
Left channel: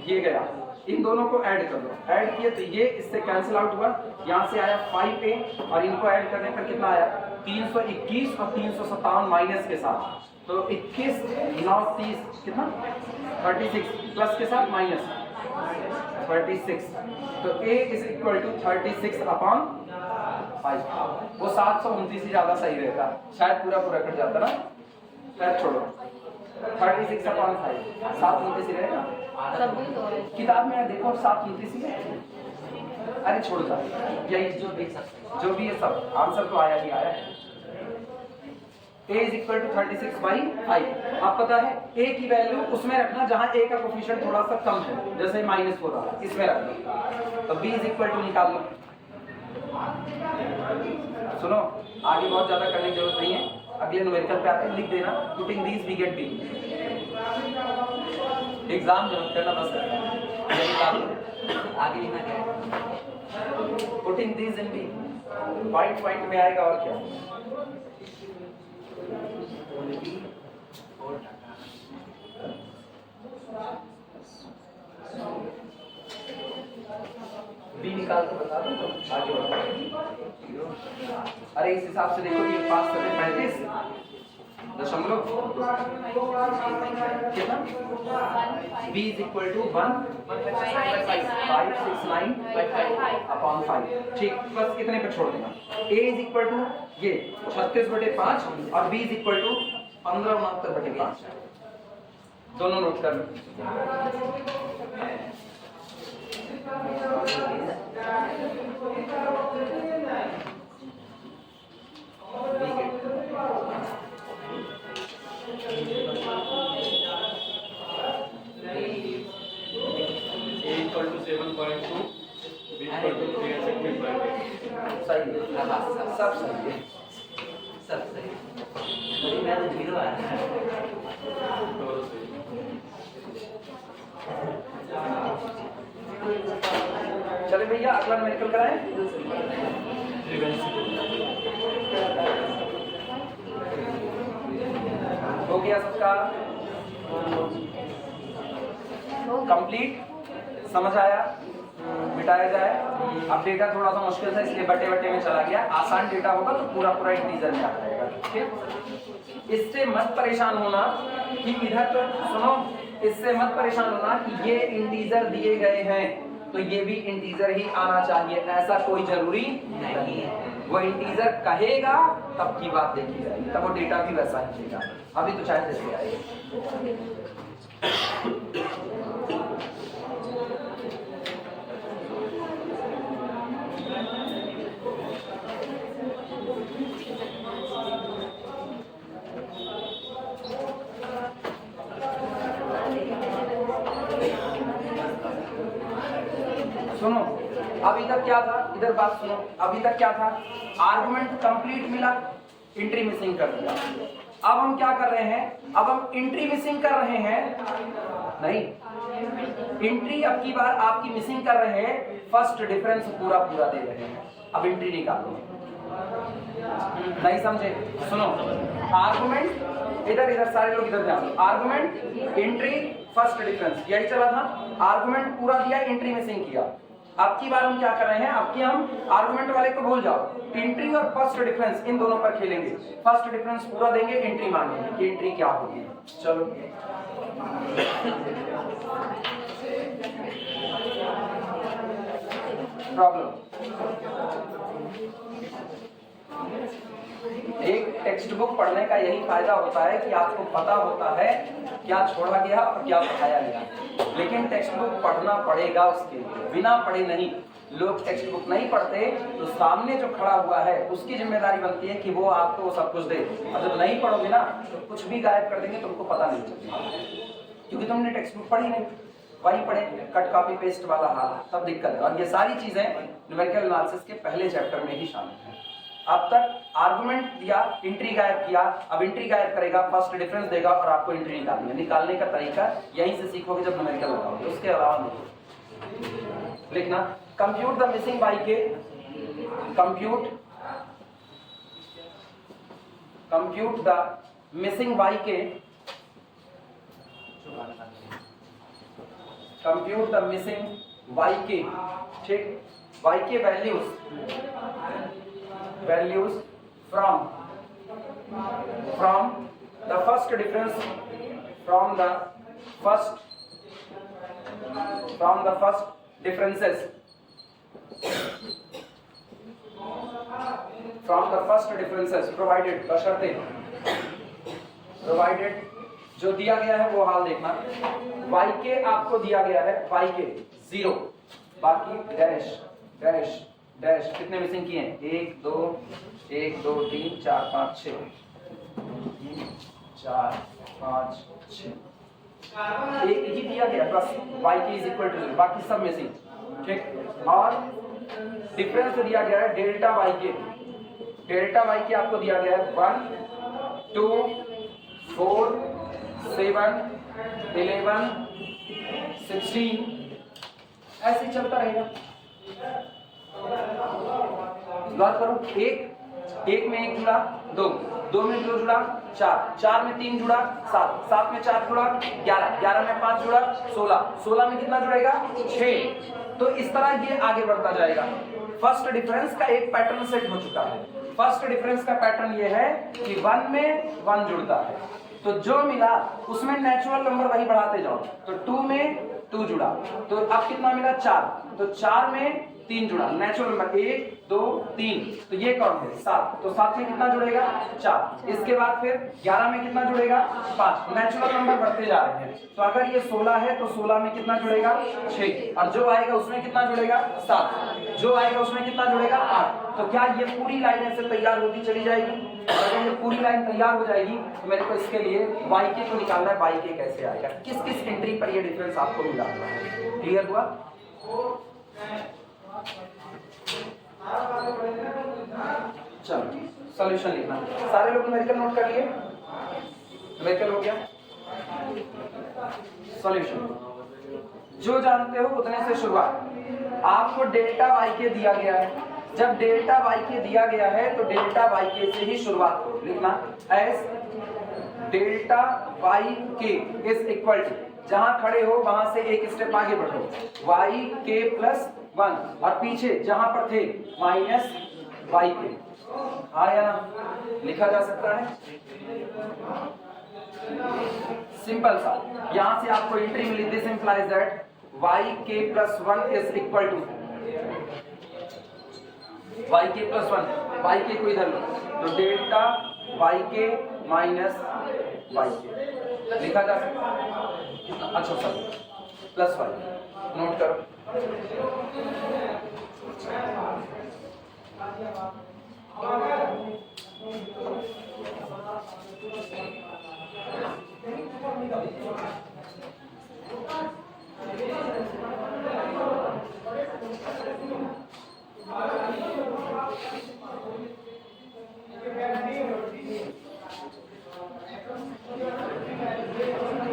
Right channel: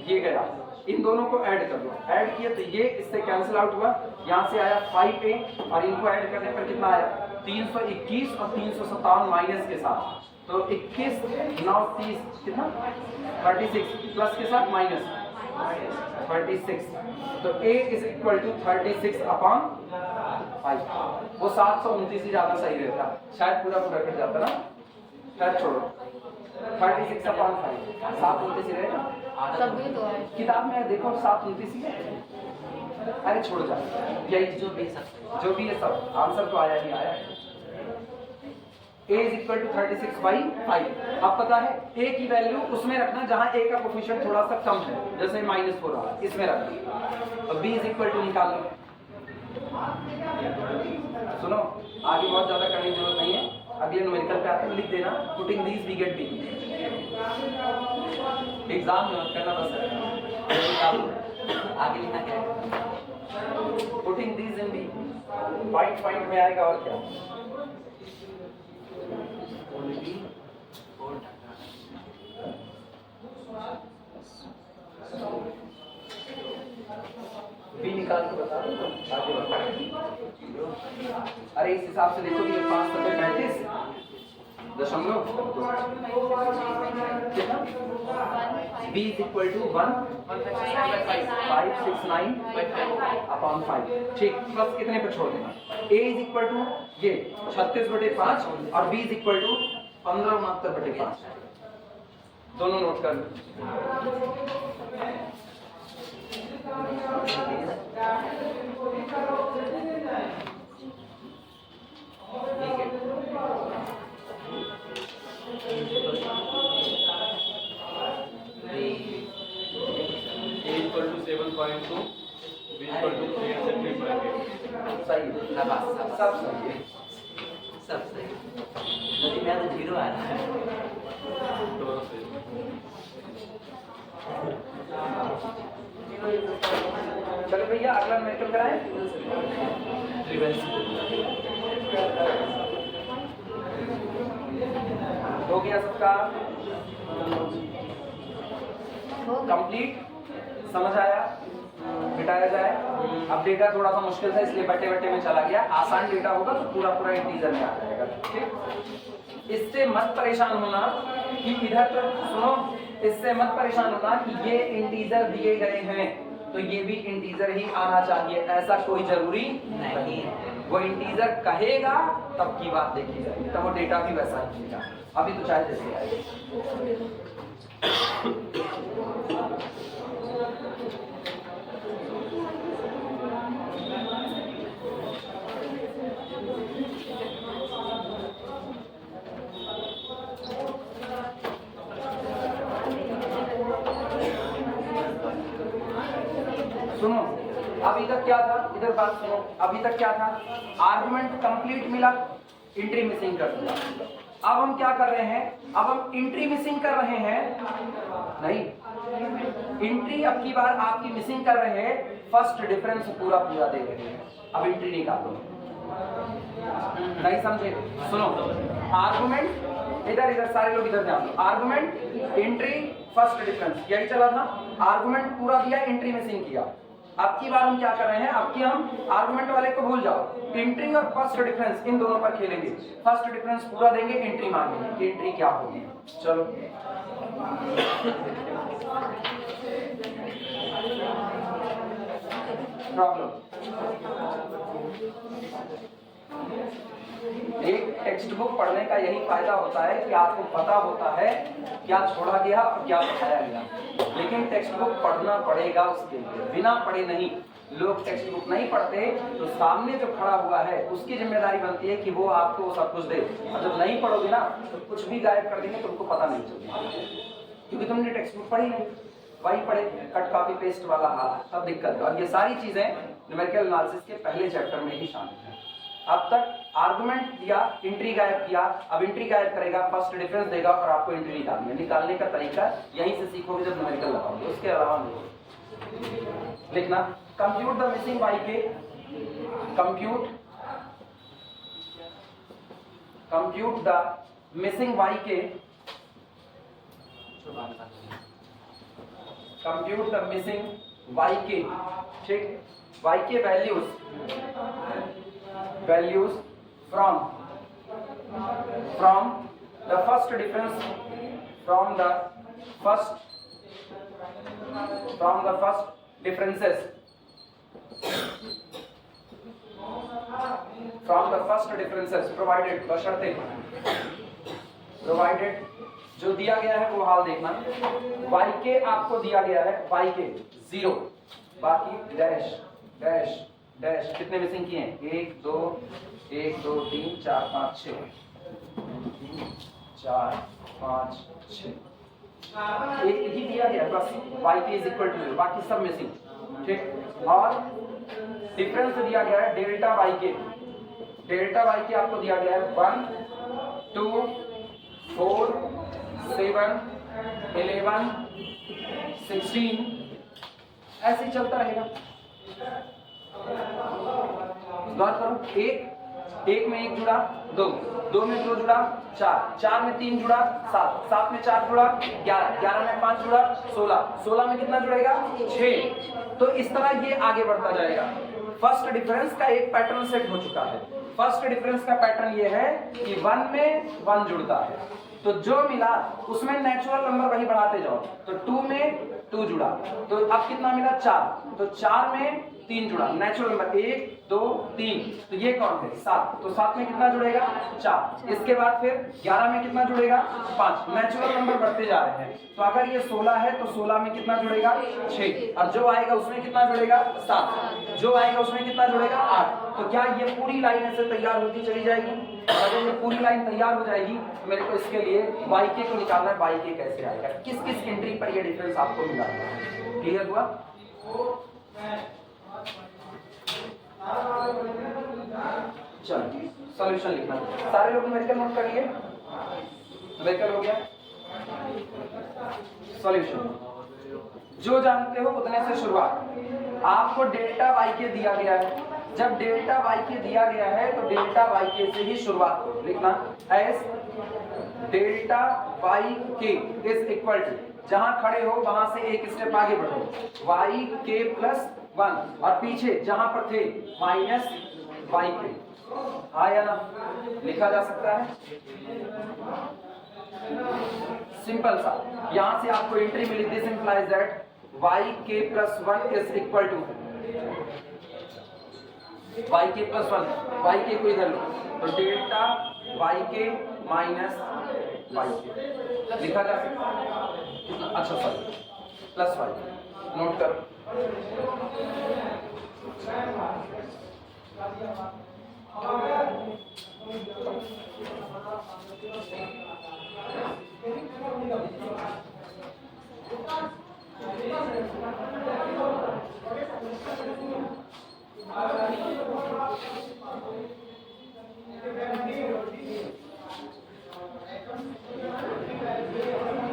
ये गया इन दोनों को ऐड कर दो, ऐड किए तो ये इससे कैंसिल आउट हुआ, यहाँ से आया 5a और इनको ऐड करने पर कितना आया 321 और 357 माइनस के साथ, तो 21 9 30 कितना 36 प्लस के साथ माइनस 36, तो a is equal to 36 upon 5। वो 729 ही ज्यादा सही रहता, शायद पूरा पूरा कट जाता ना, शायद छोड़ो 36 अपॉन 5 729 ही रहेगा। किताब में देखो 729 ही है, अरे छोड़ जा, यही जो भी है सब आंसर तो आया ही आया। a is equal to 36 by 5। अब पता है a की वैल्यू उसमें रखना जहां a का कोफिशिएंट थोड़ा सा कम है, जैसे -4 रहा इसमें रखना, तो b इज इक्वल टू निकाल लो। सुनो आगे बहुत ज्यादा करने की जरूरत नहीं है, अगले न्यूमेरिकल पे आते हैं लिख देना, putting these we get b। Exam में करना बस निकाल लो, आगे लिखना क्या है, putting these in b, point में आएगा और क्या बी निकाल के बता दो तो आगे बढ़ो। अरे इस हिसाब से देखो ये 5 7 35 दशमलव कितना b is equal to 1 569 upon 5, ठीक, प्लस कितने पे छोड़ देना, a इज इक्वल टू ये 36/5 और b इज इक्वल टू 15/5, दोनों नोट कर लो। equal to 7.2, b equal to 365. सही है, सब सही है, सब सही है, मैं तो 0 आ रहा है। चले भैया अगला न्यूमेरिकल कराएं। हो गया सबका कंप्लीट, समझ आया, मिटाया जाए। अब डेटा थोड़ा सा मुश्किल था इसलिए बटे बटे में चला गया, आसान डेटा होगा तो पूरा पूरा इंटीजर में आ जाएगा, ठीक। इससे मत परेशान होना कि इधर तो सुनो, इससे मत परेशान होना कि ये इंटीजर दिए गए हैं तो ये भी इंटीजर ही आना चाहिए, ऐसा कोई जरूरी नहीं है। वो इंटीजर कहेगा तब की बात देखी जाएगी, तब वो डेटा भी वैसा ही देगा, अभी तो चाहे जैसे आएगा। सुनो अभी तक क्या था, इधर बात सुनो, अभी तक क्या था, आर्गुमेंट कंप्लीट मिला, एंट्री मिसिंग कर दिया। अब हम क्या कर रहे हैं, अब हम एंट्री मिसिंग कर रहे हैं, नहीं एंट्री अब की बार आपकी मिसिंग कर रहे हैं, फर्स्ट डिफरेंस पूरा पूरा दे रहे हैं। अब एंट्री निकालो, नहीं समझे, सुनो आर्गुमेंट इधर इधर सारे लोग इधर ध्यान दो, आर्गुमेंट एंट्री फर्स्ट डिफरेंस यही चला था, आर्गुमेंट पूरा दिया, एंट्री मिसिंग किया। अब की बार हम क्या कर रहे हैं, अब की हम आर्गुमेंट वाले को भूल जाओ, एंट्री और फर्स्ट डिफरेंस इन दोनों पर खेलेंगे, फर्स्ट डिफरेंस पूरा देंगे, एंट्री मांगेंगे कि एंट्री क्या होगी। चलो प्रॉब्लम, एक टेक्स्ट बुक पढ़ने का यही फायदा होता है कि आपको पता होता है क्या छोड़ा गया और क्या पढ़ाया गया, लेकिन टेक्स्ट बुक पढ़ना पड़ेगा उसके लिए, बिना पढ़े नहीं। लोग टेक्स्ट बुक नहीं पढ़ते तो सामने जो खड़ा हुआ है उसकी जिम्मेदारी बनती है कि वो आपको सब कुछ दे, और जब नहीं पढ़ोगे ना तो कुछ भी गायब कर देंगे, तुमको पता नहीं चलेगा क्योंकि तुमने टेक्स्ट बुक पढ़ी नहीं, वही पढ़े कट कॉपी पेस्ट वाला हाल, सब दिक्कत है। और ये सारी चीजें न्यूमेरिकल एनालिसिस के पहले चैप्टर में ही शामिल है। अब तक आर्गुमेंट दिया, एंट्री गायब किया, अब एंट्री गायब करेगा, फर्स्ट डिफरेंस देगा और आपको एंट्री निकालनी है। निकालने का तरीका यहीं से सीखोगे जब न्यूमेरिकल लगाओगे, उसके अलावा नहीं। लिखना कंप्यूट द मिसिंग वाई के, कंप्यूट द मिसिंग वाई के कंप्यूट द मिसिंग yk, ठीक, yk values from the first difference from the first differences provided, बशर्ते provided, जो दिया गया है वो हाल देखना। yk आपको दिया गया है yk 0, बाकी डैश डैश डैश कितने मिसिंग किए हैं? 1 2 3 4 5 6 4 5 6 एक ही दिया गया बस yk इज इक्वल टू 0, बाकी सब मिसिंग, ठीक। और डिफरेंस दिया गया है डेल्टा yk आपको दिया गया है 1 2 4 7 11 16, ऐसे ही चलता रहेगा। गौर करो, एक में 1 जुड़ा 2 में 2 जुड़ा 4 में 3 जुड़ा 7 में 4 जुड़ा 11 में 5 जुड़ा 16 में कितना जुड़ेगा? 6। तो इस तरह ये आगे बढ़ता जाएगा। फर्स्ट डिफरेंस का एक पैटर्न सेट हो चुका है। फर्स्ट डिफरेंस का पैटर्न ये है कि 1 में 1 जुड़ता है, तो जो मिला उसमें नेचुरल नंबर वही बढ़ाते जाओ। तो 2 में 2 जुड़ा, तो अब कितना मिला? 4, तो 4 में 3 जुड़ा, नेचुरल नंबर 1 2 3, तो ये कौन है? 7, तो 7 में कितना जुड़ेगा? 4। इसके बाद फिर 11 में कितना जुड़ेगा? 5, नेचुरल नंबर बढ़ते जा रहे हैं। तो अगर ये 16 है तो 16 में कितना जुड़ेगा? 6, और जो आएगा उसमें कितना जुड़ेगा? 7, जो आएगा उसमें कितना जुड़ेगा? 8। तो क्या ये पूरी लाइन ऐसे तैयार होती चली जाएगी? और अगर ये पूरी लाइन तैयार हो जाएगी तो मेरे को इसके लिए yk को निकालना है। yk कैसे आएगा, किस किस एंट्री पर ये डिफरेंस आपको मिला हुआ है? क्लियर हुआ? चलो सॉल्यूशन लिखना। सारे लोग न्यूमेरिकल नोट कर लिए? न्यूमेरिकल हो गया। सॉल्यूशन जो जानते हो उतने से शुरुआत। आपको डेल्टा yk दिया गया है, जब डेल्टा yk दिया गया है तो डेल्टा yk से ही शुरुआत करो। लिखना as delta yk is equal to, जहां खड़े हो वहां से एक स्टेप आगे बढ़ो, yk प्लस 1, और पीछे जहां पर थे माइनस yk। आया ना? लिखा जा सकता है सिंपल सा। यहां से आपको एंट्री मिली, this implies that yk plus 1 is equal to yk plus 1, yk को इधर लो तो डेल्टा yk माइनस yk लिखा जा सकता है। अच्छा सर प्लस y नोट करो।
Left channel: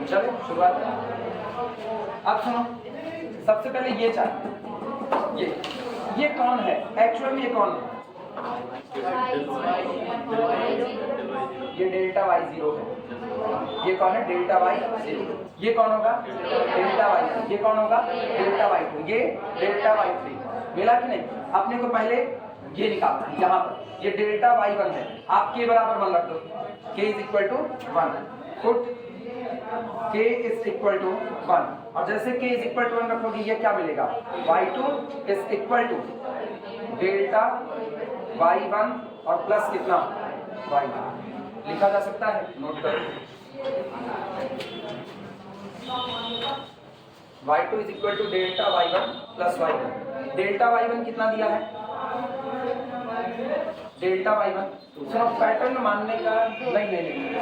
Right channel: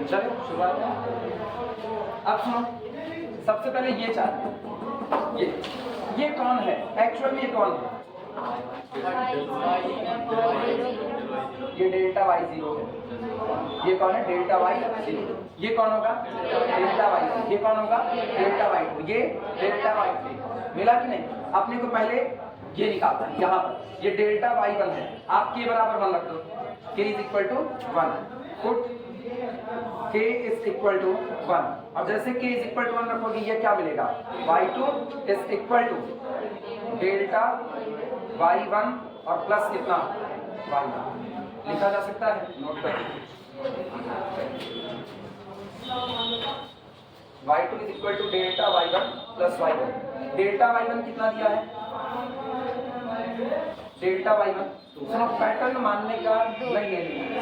चलो शुरुआत। अब सुनो, सबसे पहले ये चार्ट, ये कौन है? एक्चुअल में ये कौन है? ये डेल्टा y0 है। ये कौन है? Delta y0। ये कौन होगा? Delta y1। ये कौन होगा? Delta y2। ये डेल्टा y3। मिला कि नहीं? अपने को पहले ये निकालना है। यहाँ पर ये डेल्टा y1 है, आप के बराबर 1 रख दो, k is equal to 1। Put k is equal to 1, और जैसे k इज इक्वल टू 1 रखोगे ये क्या मिलेगा? y2 is equal to delta y1 और प्लस कितना? y1 लिखा जा सकता है। नोट करो y2 is equal to delta y1 plus y1। Delta y1 कितना दिया है? डेल्टा y1 सुनो, पैटर्न मानने का नहीं,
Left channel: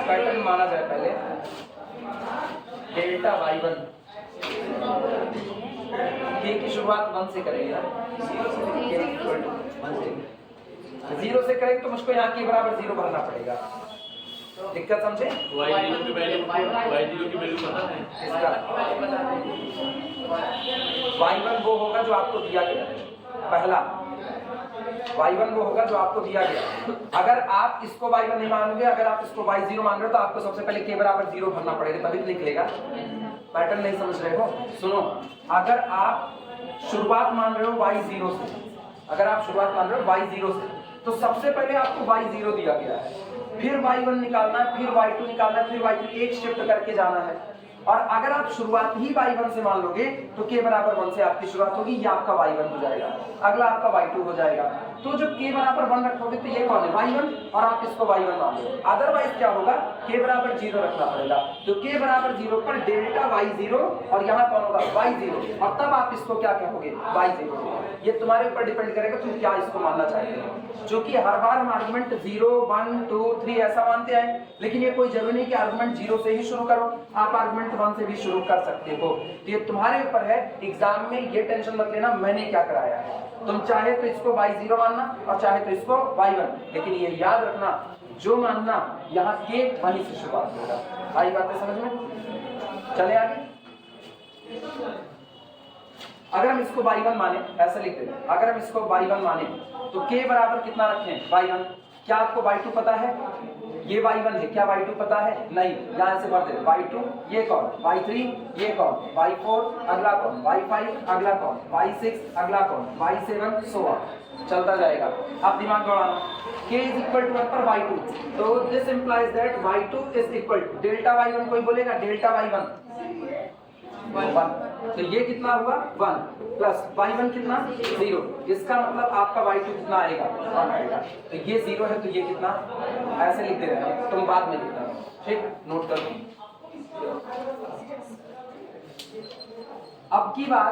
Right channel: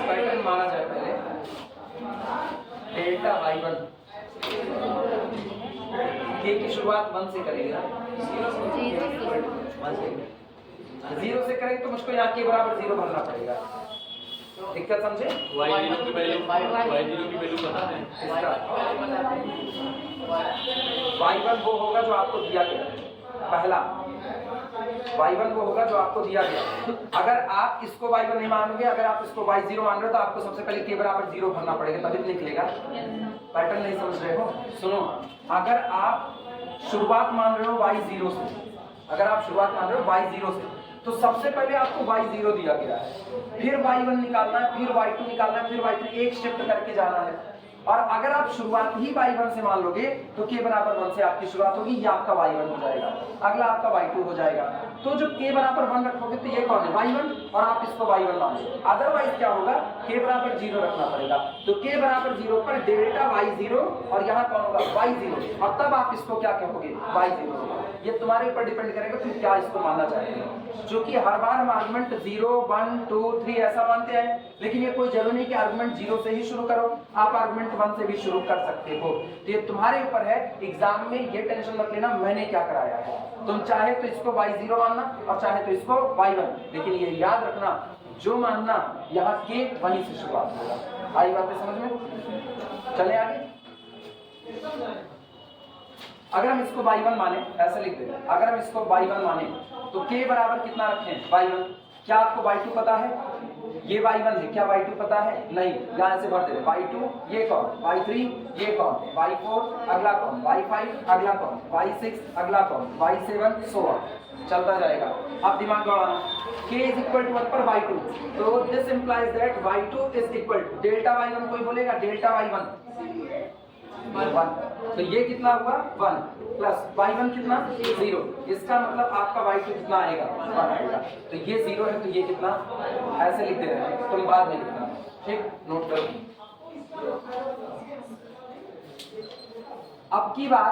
पैटर्न माना जाए पहले। डेल्टा y1 ये की शुरुआत 1 से करेंगे ना, 0 से करेंगे तो मुझको यहाँ के बराबर 0 भरना पड़ेगा। दिक्कत समझे? y0 की वैल्यू पता है? y1 वो होगा जो आपको दिया गया पहला, y1 वो होगा जो आपको दिया गया। अगर आप इसको y1 नहीं मानोगे, अगर आप इसको y0 मान रहे हो तो आपको सबसे पहले के बराबर 0 भरना पड़ेगा, तभी लिख लेगा। पैटर्न नहीं समझ रहे हो? सुनो, अगर आप शुरुआत मान रहे हो y0 से, अगर आप शुरुआत मान रहे हो y0 से, तो सबसे पहले आपको y0 दिया गया है, फिर y1 निकालना है, फिर y2 निकालना है, फिर y3, एक शिफ्ट करके जाना है। और अगर आप शुरुआत ही y1 से मान लोगे तो k बराबर 1 से आपकी शुरुआत होगी, ये आपका y1 हो जाएगा, अगला आपका y2 हो जाएगा। तो जब k बराबर 1 रखोगे तो ये कौन है, y1, और आप इसको y1 मान लो। अदरवाइज क्या होगा, k बराबर 0 रखना पड़ेगा। तो k बराबर 0 पर डेल्टा y0, और यहाँ कौन होगा y0, और तब आप इसको क्या कहोगे y0। ये तुम्हारे ऊपर डिपेंड करेगा तुम क्या इसको मानना चाहते हो। जो कि हर बार हम आर्गुमेंट 0, 1, 2, 3 ऐसा मानते हैं, लेकिन ये कोई जरूरी नहीं कि आर्गुमेंट 0 से ही शुरू करो, आप आर्गुमेंट 1 से भी शुरू कर सकते हो। ये तुम्हारे ऊपर है। एग्जाम में ये टेंशन मत लेना मैंने क्या कराया है, तुम चाहे तो इसको y0 मानना और चाहे तो इसको y1, लेकिन ये याद रखना जो मानना यहाँ के वहीं से शुरुआत होगा। आई बातें समझ में? चले आगे। अगर हम इसको y1 माने, ऐसा लिख देते हैं, अगर हम इसको y1 माने तो k बराबर कितना रखें y1। क्या आपको y2 पता है, ये y1 है, क्या y2 पता है, नहीं, यहां से भर दे y2, ये कौन y3, ये कौन y4, अगला कौन y5, अगला कौन y6, अगला कौन y7, सो ऑन चलता जाएगा। अब दिमाग दौड़ाना, k इज इक्वल टू 1 पर y2, तो this implies that y2 is equal to delta y1, कोई बोलेगा डेल्टा y1 1, तो ये कितना हुआ 1 प्लस y1 कितना 0, इसका मतलब आपका y2 कितना आएगा 1 आएगा। तो ये 0 है तो ये कितना, ऐसे लिख दे रहे हैं, तुम बाद में लिखना, ठीक, नोट करो। अब की बार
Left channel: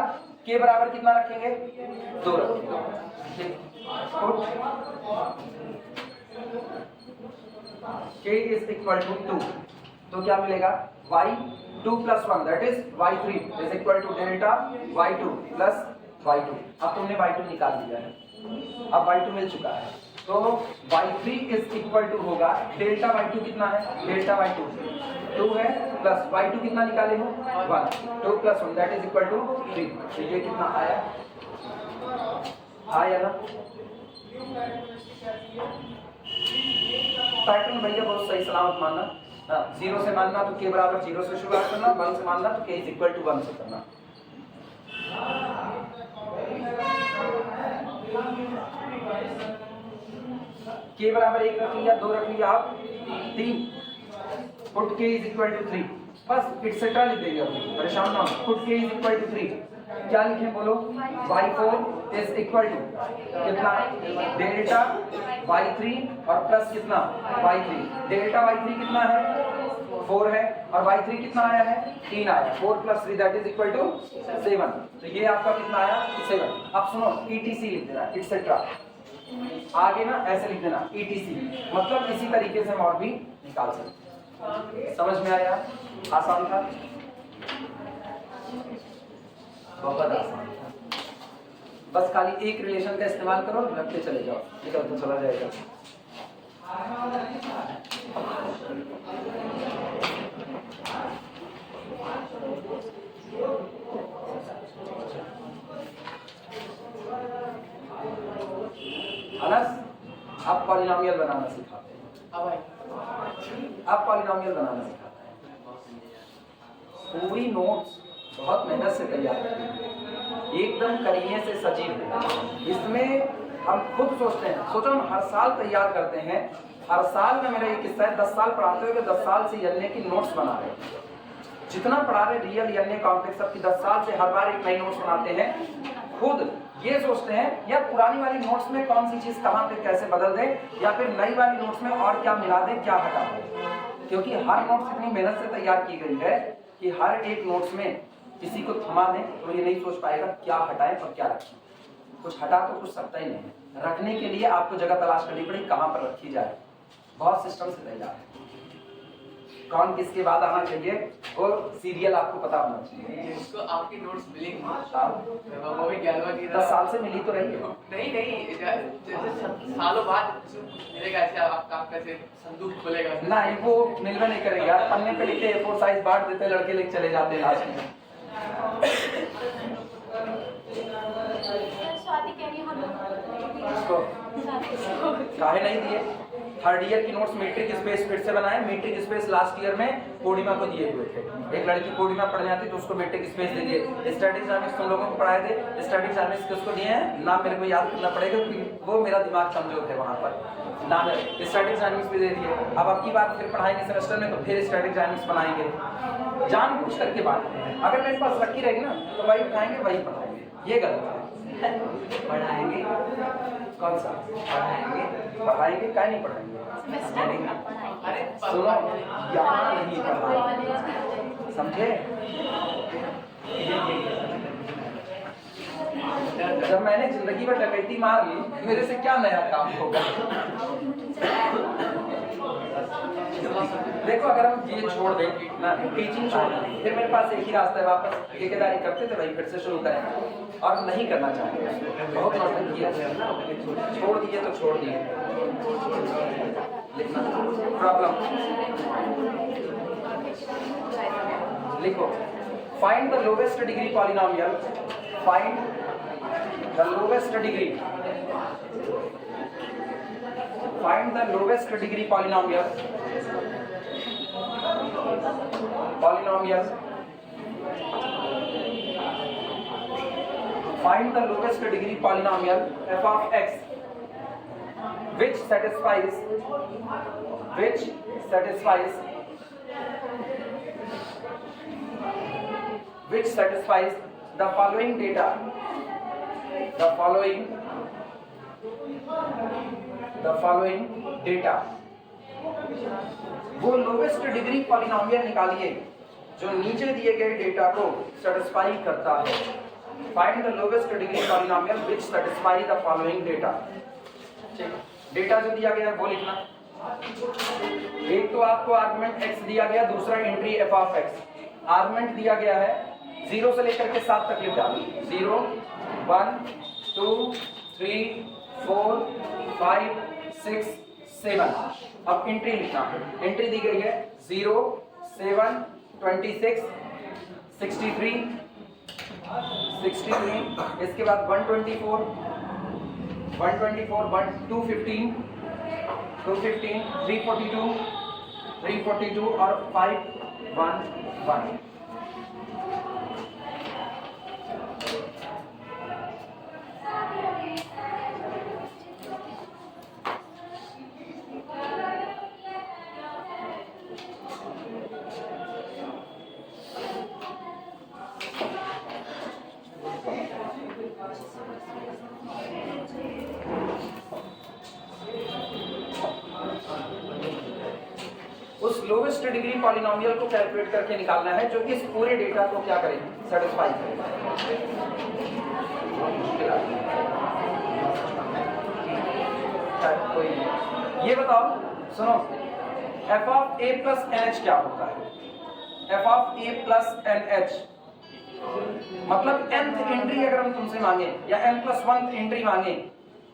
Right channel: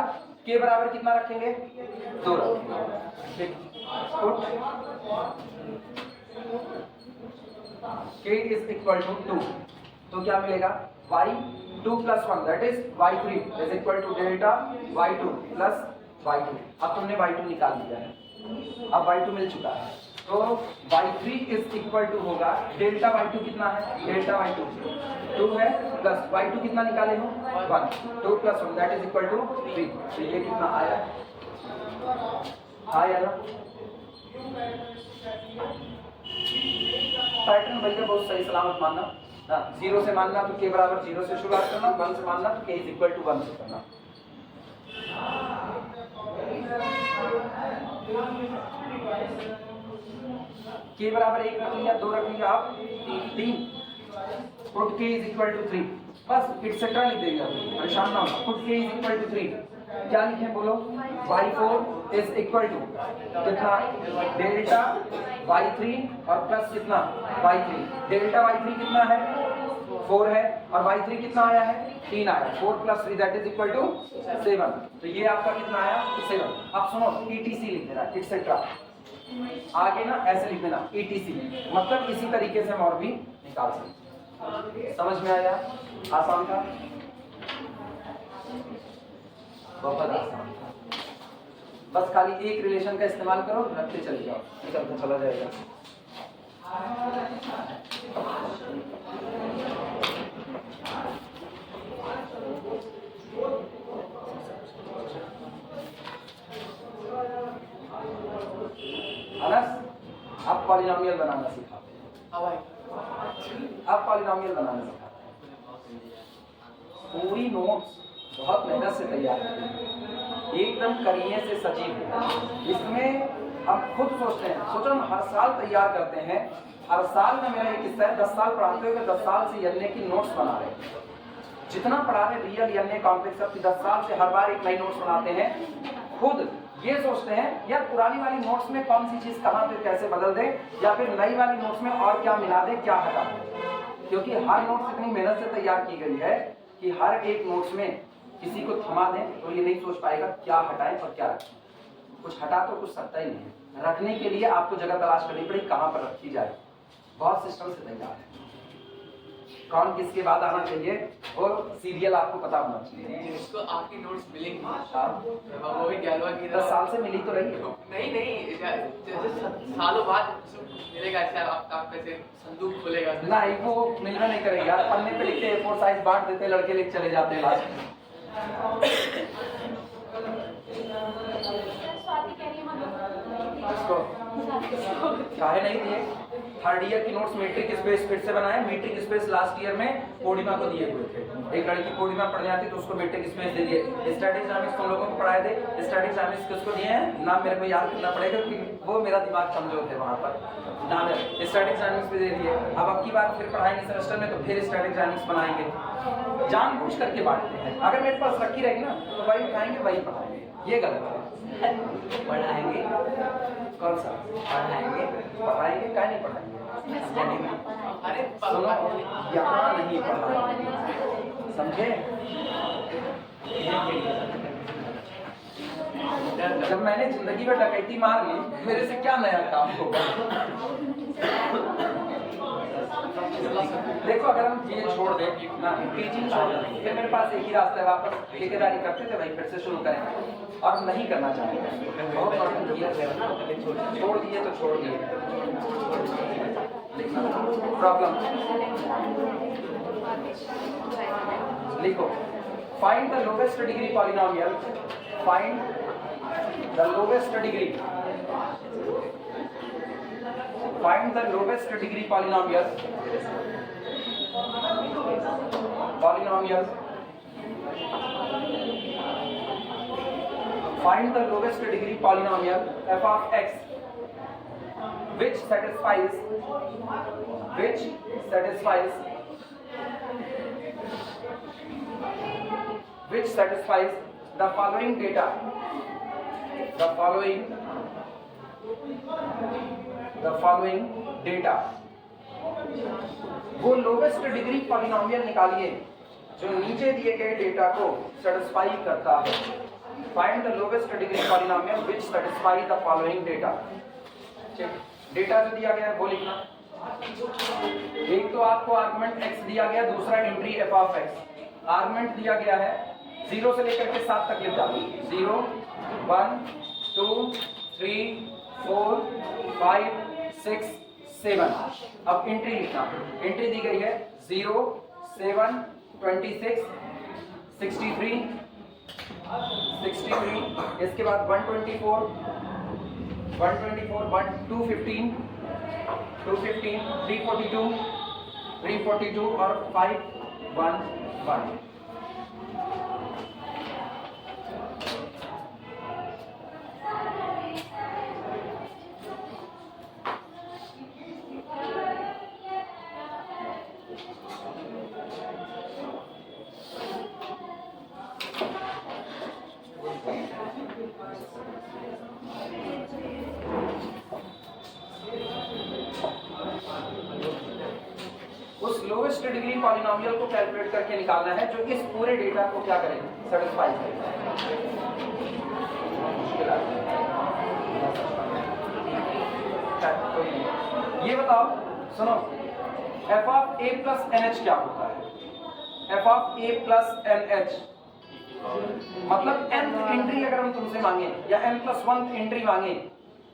k बराबर कितना रखेंगे 2 रखेंगे, ठीक, put k is equal to 2, तो क्या मिलेगा y2 plus 1 that is y3 is equal to delta y2 plus y2। अब तुमने y2 निकाल दिया है, अब y2 मिल चुका है, तो y3 इज इक्वल टू होगा डेल्टा y2 कितना है, डेल्टा y2 2 है, प्लस y2 कितना निकाले हो 1, 2 plus 1 that is equal to 3, तो ये कितना आया, आया ना। पैटर्न भैया बहुत सही सलामत मानना, 0 से मानना तो k बराबर 0 से शुरुआत करना, 1 से मानना तो k इज इक्वल टू 1 से करना। k बराबर 1 रख लिया, 2 रख लिया, आप 3, put k is equal to 3, बस एक्सेट्रा लिख देंगे, परेशान ना हो। Put k is equal to 3, क्या लिखें बोलो, y4 इज इक्वल टू कितना डेल्टा y3 और प्लस कितना y3, डेल्टा y3 कितना है 4 है और y3 कितना आया है 3 आया, 4 plus 3 that is equal to 7, तो ये आपका कितना आया 7। अब सुनो etc लिख देना, एक्सेट्रा आगे ना ऐसे लिख देना etc, मतलब इसी तरीके से हम और भी निकाल सकते। समझ में आया, आसान था, बहुत आसान, बस खाली एक रिलेशन का इस्तेमाल करो, रखते चले जाओ, निकलता चला जाएगा। अनस, आप पॉलिनोमियल बनाना सिखाते हैं, आप पॉलिनोमियल बनाना सिखाते हैं, पूरी नोट्स बहुत मेहनत से तैयार करते हैं, एकदम करिए से सजीव। इसमें हम खुद सोचते हैं, सोचो हम हर साल तैयार करते हैं, हर साल में मेरा एक किस्सा है, 10 साल पढ़ाते हुए 10 साल से एलए की नोट्स बना रहे हैं, जितना पढ़ा रहे रियल एलए कॉम्प्लेक्स की 10 साल से हर बार एक नई नोट्स बनाते हैं। खुद ये सोचते हैं यार पुरानी वाली नोट्स में कौन सी चीज़ कहाँ पे कैसे बदल दे, या फिर नई वाली नोट्स में और क्या मिला दे, क्या हटा दे, क्योंकि हर नोट्स इतनी मेहनत से तैयार की गई है कि हर एक नोट्स में किसी को थमा दें तो ये नहीं सोच पाएगा क्या हटाए और क्या रखें, कुछ हटा तो कुछ सकता ही नहीं, रखने के लिए आपको जगह तलाश करनी पड़ेगी कहाँ पर रखी जाए, बहुत सिस्टम से तैयार है, कौन किसके बाद आना चाहिए और सीरियल आपको पता होना चाहिए। उसको आपकी नोट्स मिलेंगी, वो भी 11वां की 10 साल से मिली तो रही है, नहीं जैसे सालों बाद मिलेगा, ऐसे आप कैसे संदूक खोलेगा नहीं, वो मिलना नहीं करेगा यार, पन्ने पे लिखते A4 साइज बांट देते हैं, लड़के लेके चले जाते हैं लास्ट में। इसको काहे नहीं दिए, थर्ड ईयर की नोट्स मीट्रिक स्पेस फिर से बनाए। मीट्रिक स्पेस लास्ट ईयर में पूर्णिमा को दिए हुए थे। एक लड़की पूर्णिमा पढ़ जाती तो उसको मीट्रिक स्पेस दे दिए। स्टडी डायनामिक्स तुम लोगों को पढ़ाए थे, स्टडी डायनामिक्स किसको दिए हैं नाम मेरे को याद करना पड़ेगा क्योंकि वो मेरा दिमाग कमजोर है वहाँ पर। नाम है स्टडी डायनामिक्स भी दे दिए। अब आपकी बात फिर पढ़ाएंगे सेमेस्टर में तो फिर स्टडी डायनामिक्स बनाएंगे। जानबूझ करके बांटते हैं। अगर मेरे पास रखी रहेगी ना तो वही उठाएंगे वही पढ़ाएंगे, ये गलत है। पढ़ाएंगे कौन सा पढ़ाएंगे पढ़ाएंगे क्या नहीं पढ़ाएंगे? अरे सुनो यहाँ नहीं पढ़ाएंगे, समझे? जब मैंने जिंदगी में डकैती मार ली मेरे से क्या नया काम होगा? देखो अगर हम ये छोड़ दें ना, टीचिंग छोड़ दें, फिर मेरे पास एक ही रास्ता है, वापस ठेकेदारी करते थे भाई फिर से शुरू करेंगे। और हम नहीं करना चाहेंगे, बहुत नौटंकी किया छोड़ दिए तो छोड़ दिए। प्रॉब्लम लिखो, find the lowest degree polynomial, find the lowest degree, find the lowest degree polynomial, find the lowest degree polynomial f of x which satisfies the following data, the following data। वो lowest degree polynomial निकालिए जो नीचे दिए गए data को satisfy करता है। Find the lowest degree polynomial which satisfy the following data. Data जो दिया गया है वो लिखना। एक तो आपको आर्गुमेंट x दिया गया, दूसरा entry f of x। Argument दिया गया है 0 से लेकर के 7 तक लिख डालिए। 0 1 2 3 4 5 6 7। अब एंट्री लिखना। एंट्री दी गई है 0 7 26 63 इसके बाद 124 1 215 342 और 511। उस लोवेस्ट डिग्री पॉलिनोमियल को कैलकुलेट करके निकालना है जो इस पूरे डेटा को क्या करेगा, सेटिस्फाई करेगा। ये बताओ, सुनो, f of a plus NH क्या होता है? f of a plus NH मतलब nth एंट्री अगर हम तुमसे मांगे या n+1 एंट्री मांगे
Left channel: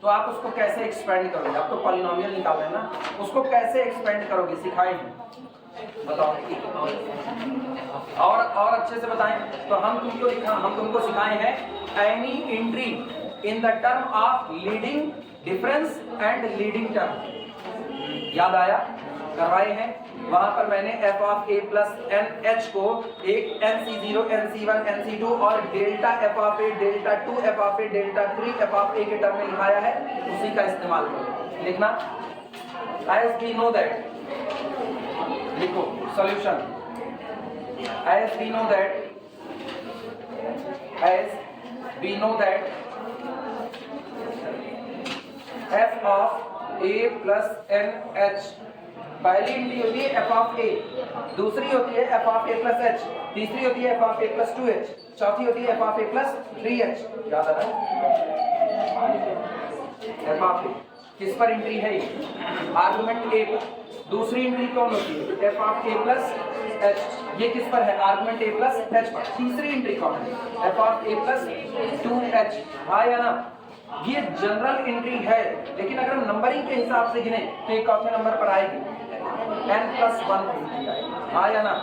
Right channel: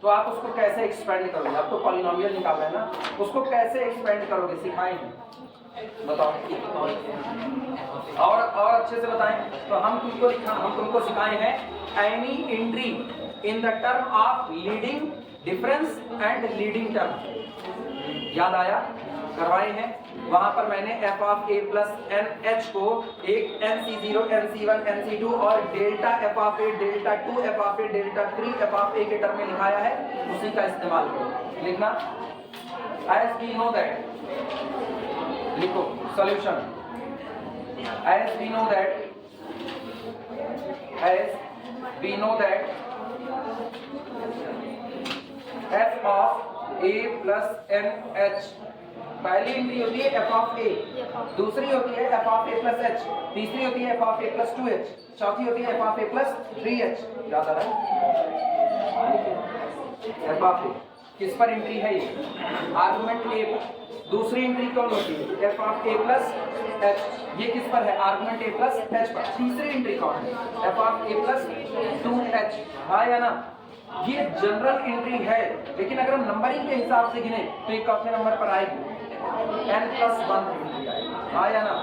तो आप उसको कैसे एक्सपेंड करोगे? आप तो पॉलिनोमियल निकाल रहे हैं ना, उसको कैसे एक्सपेंड करोगे सिखाएंगे, बताओ। और अच्छे से बताएं तो हम तुमको सिखाए हैं any entry in the term of leading difference and leading term. याद आया? करवाए हैं। वहां पर मैंने f of a plus NH को एक NC0, NC1, NC2 और delta f of a, delta 2 f of a, delta 3 f of a के टर्म में लिखाया है, उसी का इस्तेमाल करो। लिखना as we know that, लिखो solution as we know that f of a plus NH पहली एंट्री होती है f ऑफ a, दूसरी होती है f of a plus h, तीसरी होती है f of a plus 2h, चौथी होती है f of a plus 3h। याद आ रहा है? f ऑफ a किस पर एंट्री है? ये आर्गुमेंट a पर। दूसरी एंट्री कौन होती है? f of a plus h, ये किस पर है? आर्गुमेंट a प्लस h पर। तीसरी एंट्री कौन है? f of a plus 2h। हाँ या ना? ये जनरल एंट्री है, लेकिन अगर हम नंबरिंग के हिसाब से गिने तो ये चौथे नंबर पर आएगी, n+1। हाँ या ना?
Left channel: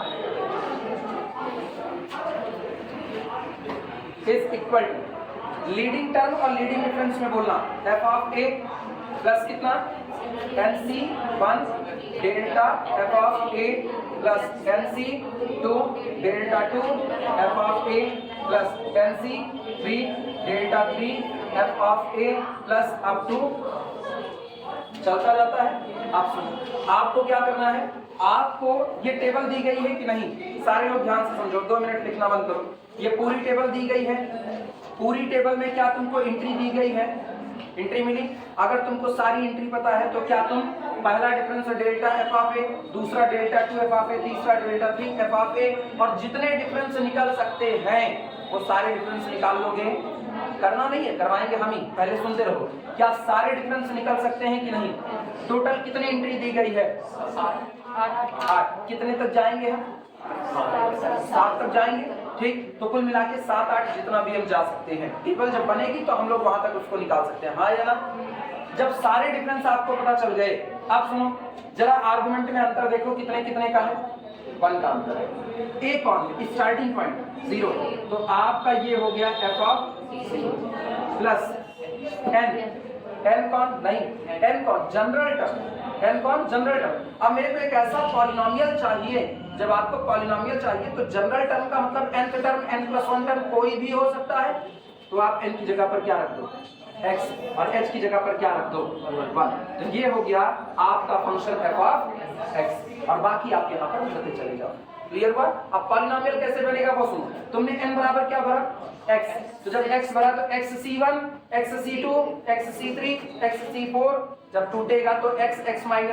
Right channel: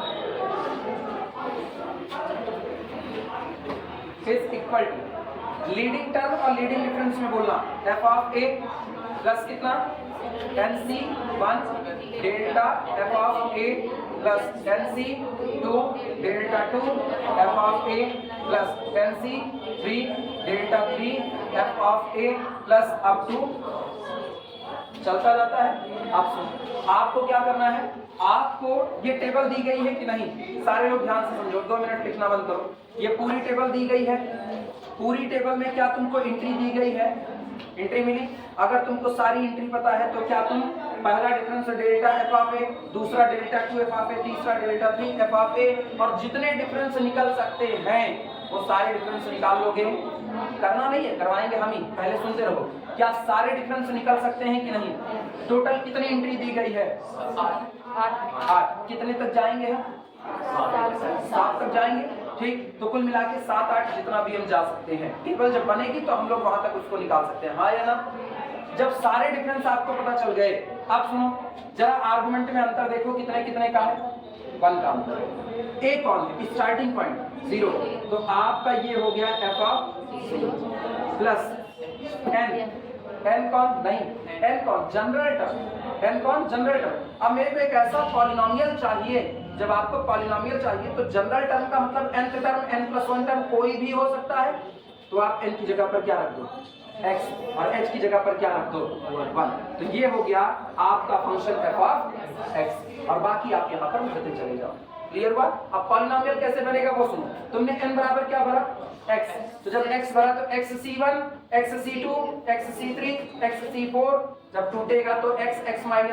Is equal to leading term और लीडिंग डिफरेंस में बोलना f ऑफ a प्लस कितना NC1 delta f of a plus NC2 delta 2 f of a plus NC3 delta 3 f of a plus up to चलता जाता है। आप सुनो, आपको क्या करना है, आपको ये टेबल दी गई है कि नहीं, सारे लोग ध्यान से समझो, 2 मिनट लिखना बंद करो। ये पूरी टेबल दी गई है, पूरी टेबल में क्या तुमको एंट्री दी गई है, एंट्री मिली। अगर तुमको सारी एंट्री पता है तो क्या तुम पहला difference delta f of a, दूसरा डेल्टा 2 f ऑफ a, तीसरा डेल्टा 3 f ऑफ a, और जितने डिफरेंस निकल सकते हैं वो सारे डिफरेंस निकाल लोगे। करना नहीं है, करवाएंगे हम ही, पहले सुनते रहो। क्या सारे डिफरेंस निकल सकते हैं कि नहीं? टोटल कितनी एंट्री दी गई है? 8। कितने तक जाएंगे हम? 7 तक जाएंगे, ठीक। तो कुल मिला के 7, 8 जितना भी हम जा सकते हैं। टेबल जब बनेगी तो हम लोग वहां तक उसको निकाल सकते हैं, हाँ या ना? जब सारे डिफरेंस आपको पता चल गए, अब सुनो जरा आर्गुमेंट में अंतर देखो, कितने कितने का है? 1 का अंतर। ए कौन? स्टार्टिंग पॉइंट 0, तो आपका ये हो गया f ऑफ प्लस n कौन? नहीं, n कौन? General term. n कौन? General term. अब मेरे को एक ऐसा पॉलिनोमियल चाहिए, जब आपको पॉलिनोमियल चाहिए तो जनरल टर्म का मतलब nth टर्म, n+1 टर्म कोई भी हो सकता है, तो आप n की जगह पर क्या रख दो? x, और h की जगह पर क्या रख दो? 1। तो ये हो गया आपका फंक्शन f ऑफ x, और बाकी आप यहाँ पर भरते चले जाओ। क्लियर हुआ? अब पॉलिनोमियल कैसे बनेगा वो सुनो। तुमने n बराबर क्या भरा? x, तो जब x भरा तो xc1, xc2, xc3, xc4, जब टूटेगा तो x(x-1),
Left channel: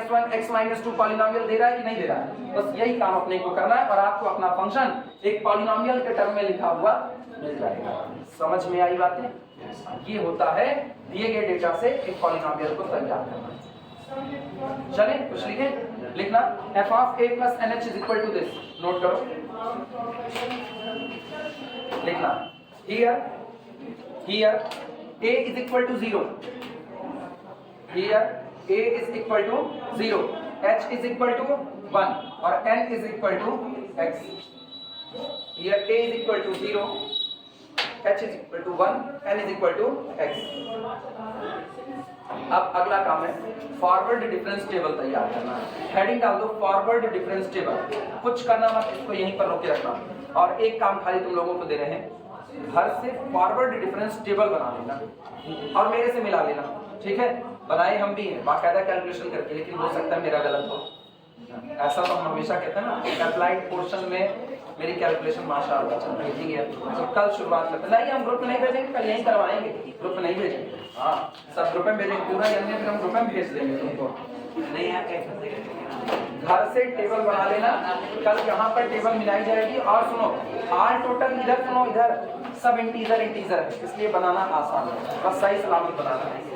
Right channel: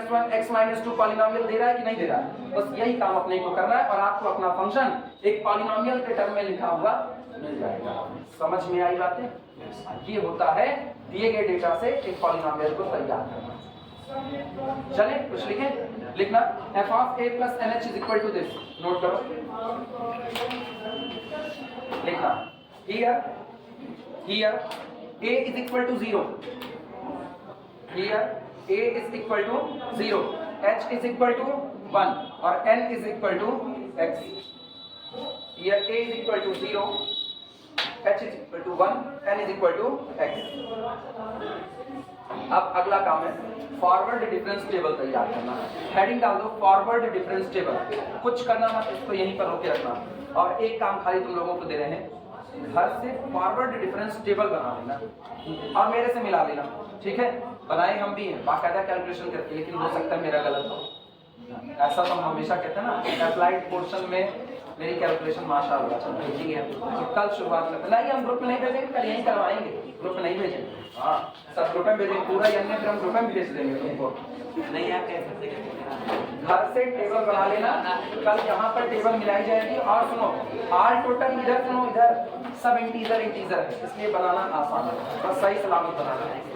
x-2 पॉलिनोमियल दे रहा है कि नहीं दे रहा है? बस यही काम अपने को करना है और आपको अपना फंक्शन एक पॉलिनोमियल के टर्म में लिखा हुआ मिल जाएगा। समझ में आई बातें? ये होता है दिए गए डेटा से एक पॉलिनोमियल को तैयार करना। चलिए कुछ लिखें, लिखना f of a plus nh is equal to this, note करो, लिखना here a is equal to 0, here a is equal to 0, h is equal to 1 और n is equal to x. Here a is equal to 0, h is equal to 1, n is equal to x. अब अगला काम है forward difference table तैयार करना। Heading डाल दो forward difference table. कुछ करना मत, इसको यहीं पर रोके रखना। और एक काम खाली तुम लोगों को दे रहे हैं, घर से फॉरवर्ड डिफरेंस टेबल बना लेना और मेरे से मिला लेना, ठीक है? बनाए हम भी हैं बाकायदा कैलकुलेशन करके, लेकिन हो सकता है मेरा गलत हो। ऐसा तो हम हमेशा कहते हैं ना, अप्लाइड पोर्शन में मेरी कैलकुलेशन माशाअल्लाह चल रही है। तो कल शुरुआत करते नहीं, हम ग्रुप में नहीं भेजेंगे, कल यहीं करवाएंगे, ग्रुप में नहीं भेजेंगे। हाँ, सब ग्रुप में भेजेंगे, पूरा यानी फिर हम ग्रुप में भेज देंगे तुमको। नहीं आते घर से टेबल बना लेना, कल यहाँ पर टेबल मिलाई जाएगी। और सुनो, ऑल टोटल इधर सुनो, इधर सब इंटीजर है, इसलिए बनाना आसान है, बस सही सलामत बनाना नहीं।